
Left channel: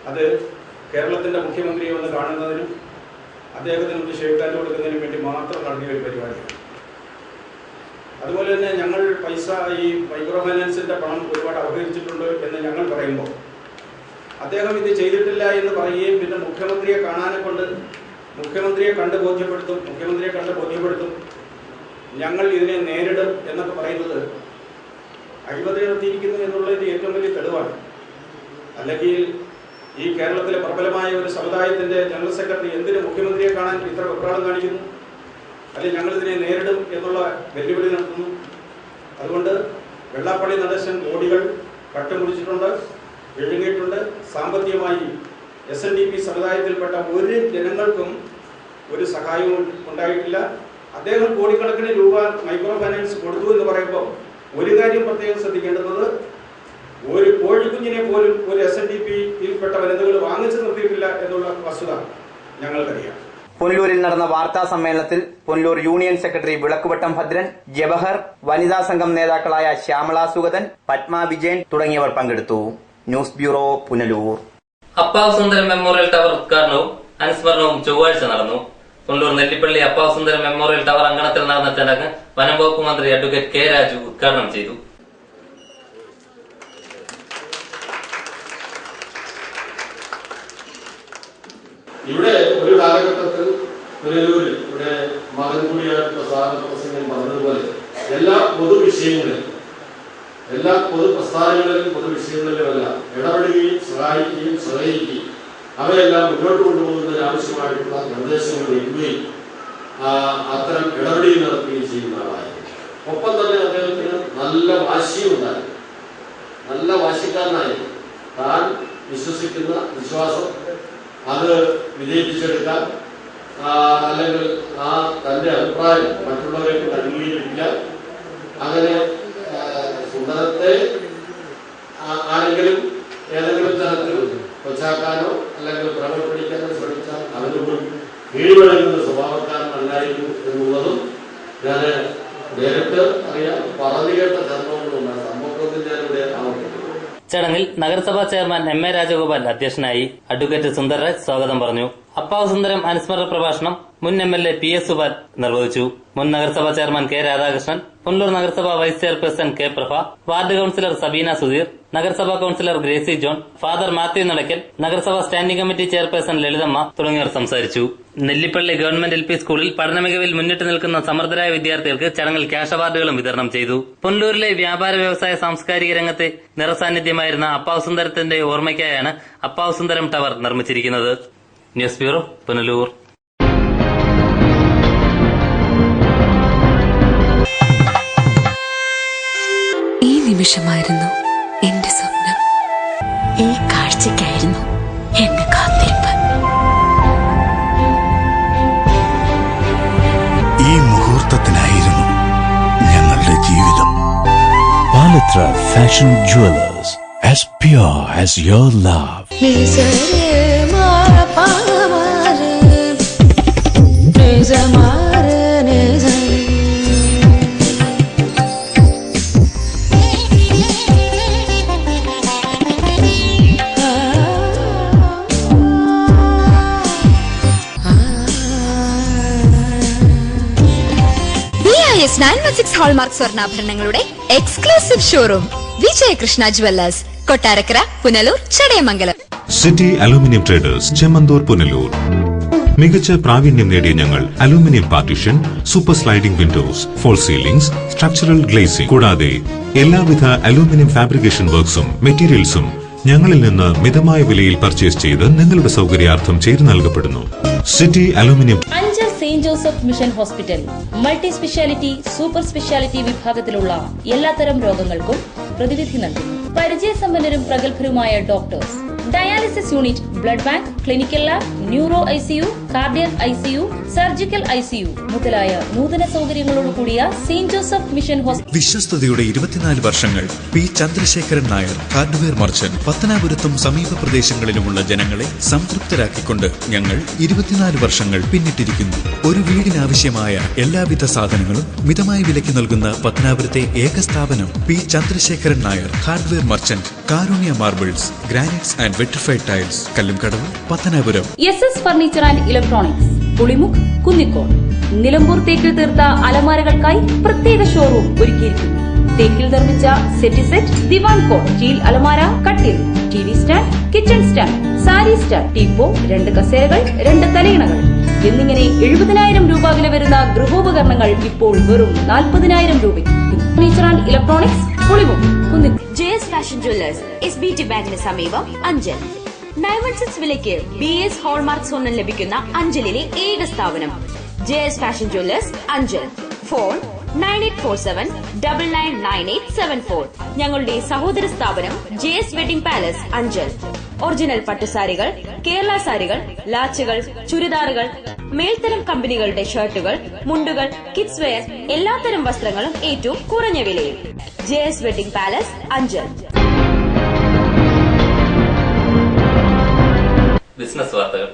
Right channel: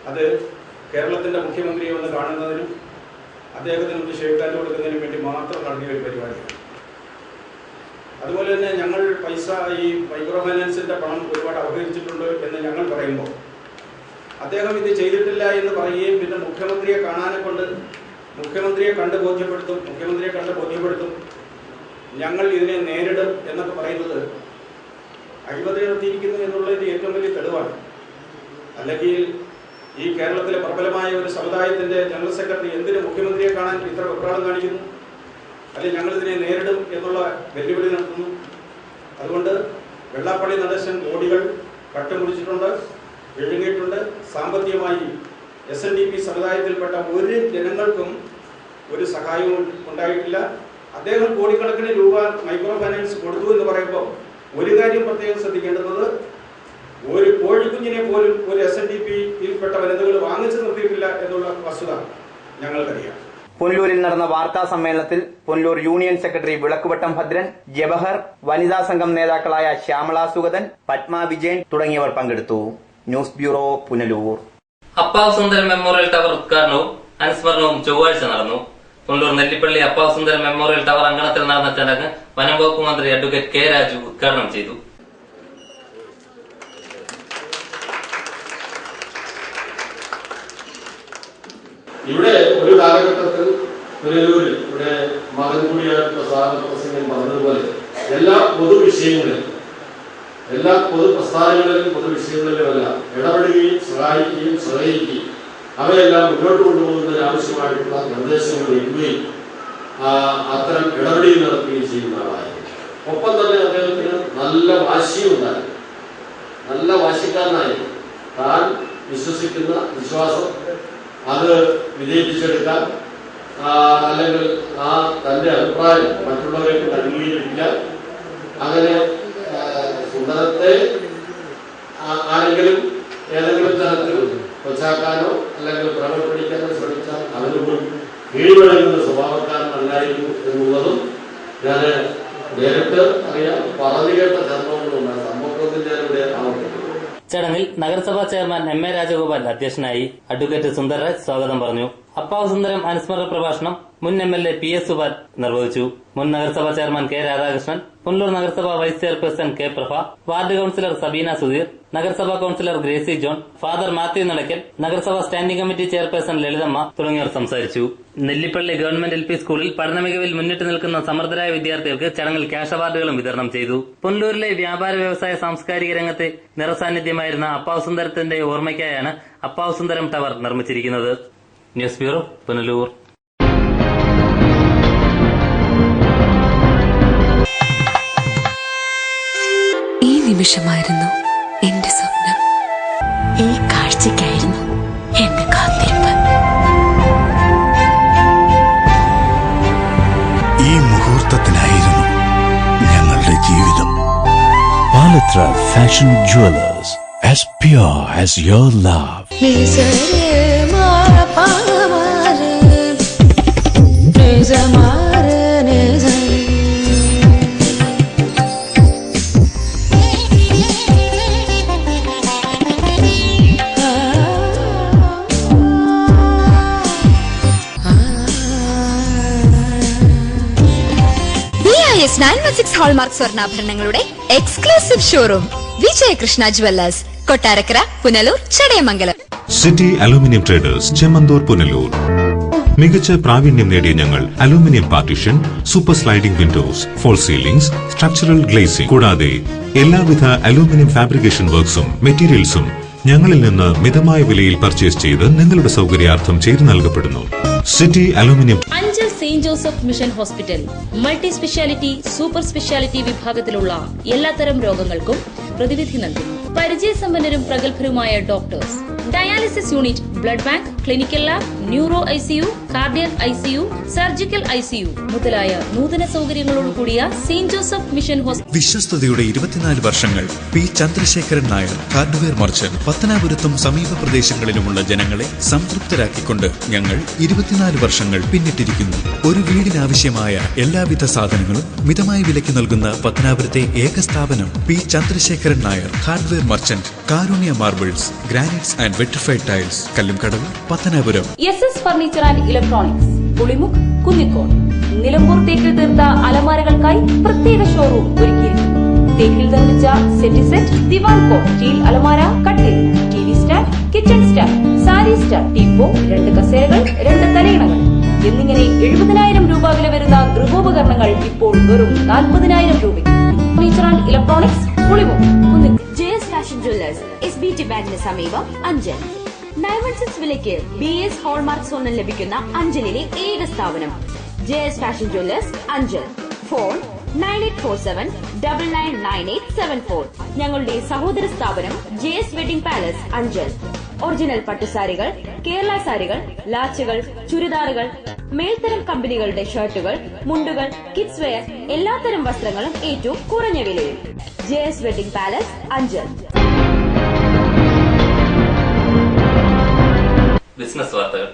അത് കേരളത്തിന്റെ മുഖ്യമന്ത്രിയെ ഒന്ന് കാണുന്നതിനും അദ്ദേഹത്തിന് ഷേക്കാൻഡ് കൊടുക്കുന്നതിനും വേണ്ടി മാത്രം നടത്തിയ ഒരു പരിപാടിയാണ്. അതുപോലെ തന്നെ ഞങ്ങൾ പൈസ ഈ മൈക്രോ ഫൈനാൻസിന്റെ പണം ഒരുപാട് അപഹരിച്ചിട്ടുണ്ട് എന്ന് ഞങ്ങൾ പറയുമ്പോൾ അദ്ദേഹം ഇത് ചെയ്തിട്ടില്ല എന്ന് പറയുകയും പിന്നെ മുഖ്യമന്ത്രിയെ കണ്ട് ബോധ്യപ്പെടുത്തും ഞങ്ങൾ ഇതിനെ നേരിടും എന്നൊക്കെ പറയുന്നത് അഴിമതി നടത്തിയിരിക്കുന്നു എന്നുള്ളതിന്റെ ഏറ്റവും വലിയ തെളിവാണ്. അല്ലെങ്കിൽ ഈ കേരളത്തിലെ പ്രബലമായ ഒരു സമുദായത്തിന്റെ ജനറൽ സെക്രട്ടറി എന്തിന് മുഖ്യമന്ത്രിയെ കാണാൻ ഇത്ര വെപ്രാളം കാണിക്കുന്നു? അല്ലെങ്കിൽ ഞങ്ങൾ ഇതിനെ നേരിടും എന്നുള്ള വെല്ലുവിളി നടത്തുന്നു. അതുകൊണ്ട് വെള്ളാപ്പള്ളി നടേശൻ കോടികൾ കട്ടുമുടിച്ചിട്ടുണ്ട്, വിഴുങ്ങിയിട്ടുണ്ട്. സാമ്പത്തികമായി SNDP സമുദായത്തിൽപ്പെട്ട ഒരു ജനങ്ങൾക്കും ഒരു സഹായവും ഉണ്ടായിട്ടില്ല. അദ്ദേഹം കോടിക്കണക്കിന് രൂപ മൈക്രോ ഫൈനാൻസ് കൊടുത്തു എന്ന് പറയുമ്പോൾ ഒരു കാര്യം പ്രത്യേകം ശ്രദ്ധിക്കേണ്ടത്, ഒരു കോഴിക്കുഞ്ഞിനെ പോലും ഒരു SNDPയിൽപ്പെട്ട വനിതകൾ വാങ്ങിച്ചു നിർത്തിയിട്ടില്ല എന്നുള്ള വസ്തുത ഞങ്ങൾക്കറിയാം. പുനലൂരിൽ നടന്ന വാർത്താ സമ്മേളനത്തിൽ പുനലൂർ യൂണിയൻ സെക്രട്ടറി വിളക്കുവട്ടം ഭദ്രൻ, ജവഹർ, വനിതാ സംഘം നേതാക്കളായ ശ്യാമള സുഗതൻ, പത്മ വിജയൻ തുടങ്ങിയവർ പങ്കെടുത്തു. News bureau, Punalur. Appavu Sundaram memorial tower ഉദ്ഘാടനവും അനുസ്മരണവും ചൊവ്വാഴ്ച നടന്നു. പുനലൂർ നെല്ലിപ്പള്ളി അപ്പാവ് സുന്ദരം മെമ്മോറിയൽ ടവർ അങ്കണത്തിൽ നടന്ന ചടങ്ങ് വനം വകുപ്പ് മന്ത്രി അഡ്വക്കേറ്റ് K രാജു ഉദ്ഘാടനം ചെയ്തു. ഇവിടെ ഒരു കാലഘട്ടത്തിൽ പുനലൂരിൽ ഇവിടെ മകൻ കൂടിയായിട്ടുള്ള സ്വാഗത പ്രസംഗം പറഞ്ഞതുപോലെ എല്ലാ പൊതുവിഷയങ്ങളിലും, എല്ലാ പൊതുപ്രസ്ഥാനങ്ങളിലും, പൊതുവിഷയങ്ങളിലുമെല്ലാം ഇടപെടുകയും സഹായിക്കുകയും സഹകരിക്കുകയും അവയെല്ലാം മുന്നോട്ട് കൊണ്ടുപോകുന്നതിന് ആവശ്യമായിട്ടുള്ള നിർദ്ദേശങ്ങൾ നൽകുകയും അത്തരം ഇടപെടൽ നടത്തുകയും ചെയ്യുന്ന ആളായിരുന്നു. ഒപ്പം തന്നെ അദ്ദേഹത്തിന് നല്ല വാശിയും ഉണ്ടായിരുന്നു. നല്ല വാശിക്കാരനായിരുന്നു. താൻ വിശ്വസിക്കുന്ന വിശ്വാസം അത് വിജയിപ്പിച്ചെടുക്കാൻ, അല്ലെങ്കിൽ തന്റെ അഭിപ്രായം മറ്റുള്ളവർക്ക് അംഗീകരിക്കാൻ, അങ്ങനെ സുന്ദരത്തെ ആരെങ്കിലും ഏതെങ്കിലും തരത്തിൽ കൊച്ചാക്കാനോ അല്ലെങ്കിൽ പ്രകടപ്പിടിക്കാനോ ശ്രമിച്ചാൽ അതിനോട് കീഴ്വഴങ്ങുന്ന സ്വഭാവക്കാരനല്ലായിരുന്നു എന്നുള്ളതും ഞാൻ നേരിട്ട് അറിയാം. പറഞ്ഞു കേട്ട ചർമ്മങ്ങളുണ്ട്. സംഭവത്തിൽ ഞാനിവിടെ ആവർത്തിക്കുന്നു. ചടങ്ങിൽ നഗരസഭാ ചെയർമാൻ MA രാജഗോപാൽ അധ്യക്ഷനായി. അഡ്വക്കേറ്റ് സുന്ദർരാജ് സ്വാഗതം പറഞ്ഞു. അപ്പാവ് സുന്ദരം അനുസ്മരണ പ്രഭാഷണം മുൻ MLA PS സുബാൽ നിർവഹിച്ചു. മുൻ നഗരസഭാ ചെയർമാൻ K രാധാകൃഷ്ണൻ, പുനലൂർ നഗരസഭാ vice chairperson K Prabha, ward councillor Sabeena Sudheer, നഗരസഭാ കൌൺസിലർ ഗ്രേസി ജോൺ, ഫാദർ മാത്യു നടക്കൽ, നഗരസഭാ സ്റ്റാൻഡിംഗ് കമ്മിറ്റി ചെയർപേഴ്സൺ ലളിതമ്മ തുടങ്ങിയവർ സംസാരിച്ചു. നെല്ലിപ്പള്ളി ഗവൺമെന്റ് LP സ്കൂളിൽ പഠനമികവിൽ മുന്നിട്ട് നിൽക്കുന്ന സമർത്ഥരായ വിദ്യാർത്ഥികൾക്ക് ചടങ്ങിൽ ക്യാഷ് അവാർഡുകളും വിതരണം ചെയ്തു. പുനലൂരിലെ വ്യാപാര വ്യവസായ സാംസ്കാരിക രംഗത്തെ നിറസാന്നിധ്യമായിരുന്ന അപ്പാവ് സുന്ദരത്തിന്റെ ഓർമ്മയ്ക്കായാണ് അപ്പാവ് സുന്ദരം ടവർ നിർമ്മിച്ചിരിക്കുന്നത്. News bureau, Punalur. ഈ നിമിഷമായിരുന്നു എന്റെ സ്വപ്നം. ഈ കാഴ്ചയ്ക്കായിരുന്നു എന്റെ കാത്തിരിപ്പ്. ഈ മുഹൂർത്തത്തിനായിരുന്നു ഞങ്ങളുടെ ജീവിതം. Palathra fashion jewellers, as pure as your love. BIS 916 hallmark സ്വർണ്ണാഭരണങ്ങളുടെ exclusive showroom Vijayakrishna jewellers, Kottarakkara, Punalur, Chadayamangalam. City aluminium traders, Chemmanthoor, Punalur. മികച്ച പ്രാവീണ്യം നേടിയ ഞങ്ങൾ aluminium partition, super sliding windows, false ceilings, structural glazing കൂടാതെ എല്ലാവിധ അലൂമിനിയം ഫാബ്രിക്കേഷൻ വർക്ക്സും മെറ്റീരിയൽസും ഞങ്ങളിൽ നിന്ന് മിതമായ വിലയിൽ പർച്ചേസ് ചെയ്ത് നിങ്ങളുടെ സൗകര്യാർത്ഥം ചെയ്തു നൽകപ്പെടുന്നു. City aluminium. Anchal Saint Joseph Mission Hospital multi speciality, super speciality വിഭാഗത്തിലുള്ള എല്ലാത്തരം രോഗങ്ങൾക്കും പ്രതിവിധി നൽകുന്നു. പരിചയസമ്പന്നരും പ്രഗത്ഭരുമായ doctors, dialysis unit, blood bank, clinical lab, neuro ICU, cardiac ICU, surgical ICU മുതലായ നൂതന സൗകര്യങ്ങളോടുകൂടിയ സെയിന്റ് ജോസഫ് മിഷൻ ഹോസ്പിറ്റൽ. വിശ്വസ്തയുടെ 24 വർഷങ്ങൾ. P Chandrasekharan Nair, hardware merchant. പത്തനാപുരത്തും സമീപ പ്രദേശങ്ങളിലുമുള്ള ജനങ്ങളെ സംതൃപ്തരാക്കിക്കൊണ്ട് ഞങ്ങൾ 24 വർഷങ്ങൾ പിന്നിട്ടിരിക്കുന്നു. ഒരു വീടിനാവശ്യമായ എല്ലാവിധ സാധനങ്ങളും മിതമായ വിലയ്ക്ക് നൽകുന്ന പത്തനാപുരത്തെ ഏക സ്ഥാപനം P Chandrasekharan Nair, hardware merchant. Karunya marbles, granites and vitrified tiles, Kallumkadavu, Pathanapuram. SS furniture and electronics, Pulimukku, Kunnicode. Nilambur തേക്കിൽ തീർത്ത അലമാരകൾക്കായി പ്രത്യേക ഷോറൂം ഒരുക്കിയിരിക്കുന്നു. തേക്കിൽ നിർമ്മിച്ച സെറ്റ്, ദിവാൻ കോട്ട്, സ്റ്റീൽ അലമാര, കട്ടിൽ, TV stand, kitchen stand, sari stand, teapoy, 2 കസേരകൾ, 2 തലയിണകൾ എന്നിങ്ങനെ 70,000 രൂപ വില വരുന്ന ഗൃഹോപകരണങ്ങൾ ഇപ്പോൾ വെറും 40,000 രൂപയ്ക്ക്. Furniture and electronics, Pulimukku, Kunnicode. JS fashion Jewellers, SBT ബാങ്കിന് സമീപം, അഞ്ചൽ. 916 വിലയ്ക്ക് BS ഹോൾമാർക്ക് സ്വർണം ലഭിക്കുന്ന അഞ്ചലിലെ ഏക സ്ഥാപനം JS fashion jewellers, Anchal. Phone 9847999874. ഞങ്ങളുടെ സഹോദര സ്ഥാപനം JS wedding palace, Anchal. Original പട്ടുസാരികൾ, കേരള സാരികൾ, ലാച്ചുകൾ, ചുരിദാറുകൾ, മേൽത്തരം കമ്പനികളുടെ ഷർട്ടുകൾ, മുണ്ടുകൾ, കിഡ്സ് വെയർ, എല്ലാത്തരം വസ്ത്രങ്ങളും ഏറ്റവും കുറഞ്ഞ വിലയിൽ. JS wedding palace, Anchal. Business വാർത്തകൾ.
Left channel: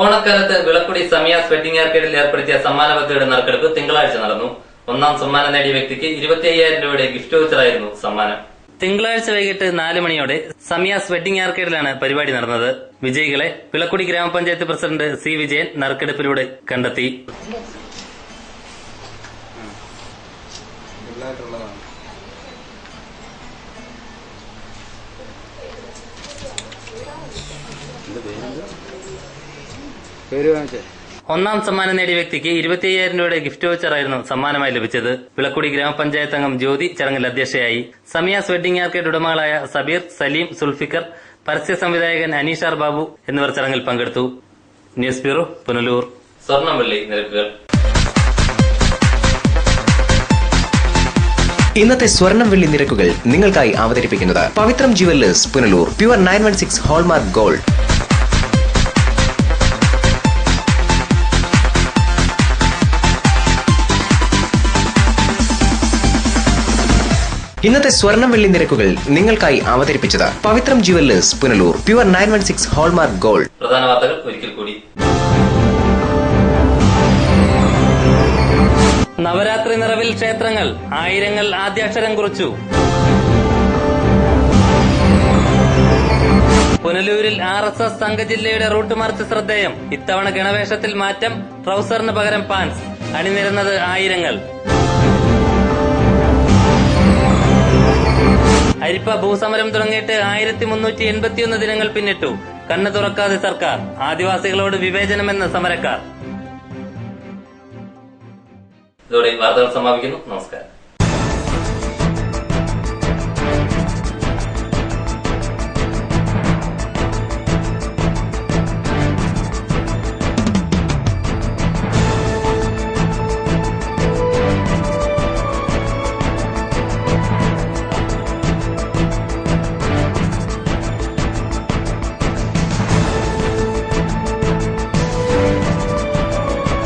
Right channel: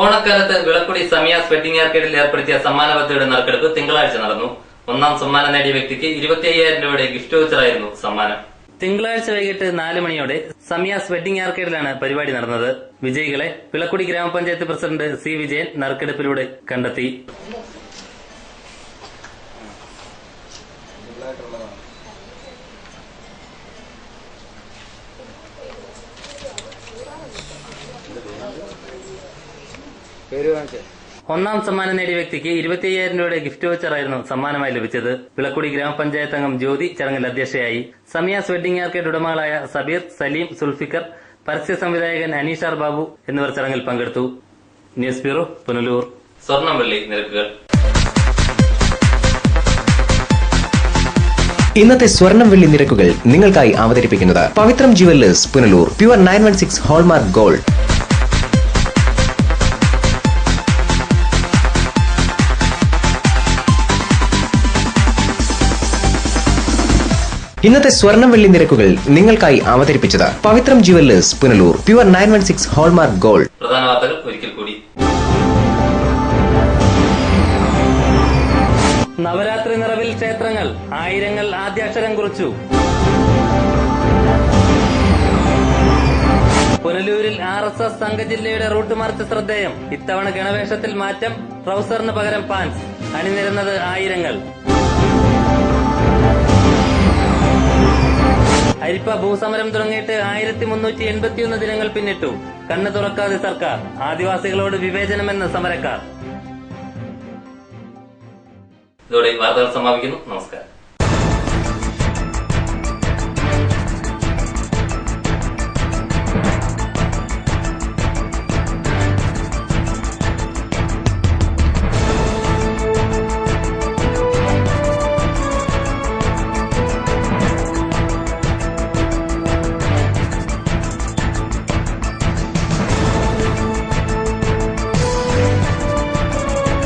ഓണക്കാലത്ത് വിളക്കുടി സമിയാസ് വെഡിംഗ് ആർക്കേഡിൽ ഏർപ്പെടുത്തിയ സമ്മാന പദ്ധതിയുടെ നറുക്കെടുപ്പ് തിങ്കളാഴ്ച നടന്നു. ഒന്നാം സമ്മാനം നേടിയ വ്യക്തിക്ക് 25,000 രൂപയുടെ ഗിഫ്റ്റ് വൗച്ചറായിരുന്നു സമ്മാനം. തിങ്കളാഴ്ച വൈകിട്ട് 4 മണിയോടെ സമിയാസ് വെഡിംഗ് ആർക്കേഡിലാണ് പരിപാടി നടന്നത്. വിജയികളെ വിളക്കുടി ഗ്രാമപഞ്ചായത്ത് പ്രസിഡന്റ് C. വിജയൻ നറുക്കെടുപ്പിലൂടെ കണ്ടെത്തി. ഒന്നാം സമ്മാനം നേടിയ വ്യക്തിക്ക് 25,000 രൂപയുടെ ഗിഫ്റ്റ് വൗച്ചറായിരുന്നു സമ്മാനമായി ലഭിച്ചത്. വിളക്കുടി ഗ്രാമപഞ്ചായത്ത് അംഗം ജ്യോതി ചടങ്ങിൽ അധ്യക്ഷയായി. സമിയാസ് വെഡിംഗ് ആർക്കേഡ് ഉടമകളായ സബീർ, സലീം, സുൽഫിക്കർ, പരസ്യ സംവിധായകൻ അനീഷാർ ബാബു എന്നിവർ ചടങ്ങിൽ പങ്കെടുത്തു. News bureau, Punalur. സ്വർണം വെള്ളി നിരക്കുകൾ. ഇന്നത്തെ സ്വർണം വെള്ളി നിരക്കുകൾ നിങ്ങൾക്കായി അവതരിപ്പിക്കുന്നത് Pavithram jewellers, Punalur. Pure 916 hallmark gold. ഇന്നത്തെ സ്വർണം വെള്ളി നിരക്കുകൾ നിങ്ങൾക്കായി അവതരിപ്പിച്ചത് Pavithram jewellers, Punalur. Pure 916 hallmark gold. പ്രധാന വാർത്തകൾ ഒരിക്കൽ കൂടി. നവരാത്രി നിറവിൽ ക്ഷേത്രങ്ങൾ, ആയിരങ്ങൾ ആദ്യാക്ഷരം കുറിച്ചു. പുനലൂരിൽ RSS സംഘജില്ലയുടെ റൂട്ട് മാർച്ച് ശ്രദ്ധേയം. ഇത്തവണ ഗണവേഷത്തിൽ മാറ്റം, ട്രൗസറിന് പകരം പാൻസ്. അണിനിരുന്നത് ആയിരങ്ങൾ. അരിപ്പ ഭൂസമരം തുടങ്ങിയിട്ട് 1381 ദിനങ്ങൾ പിന്നിട്ടു. കണ്ണു തുറക്കാതെ സർക്കാർ. ആദിവാസികളോട് വിവേചനമെന്ന് സമരക്കാർ. ഇതോടെ വാർത്തകൾ സമാപിക്കുന്നു. നമസ്കാരം.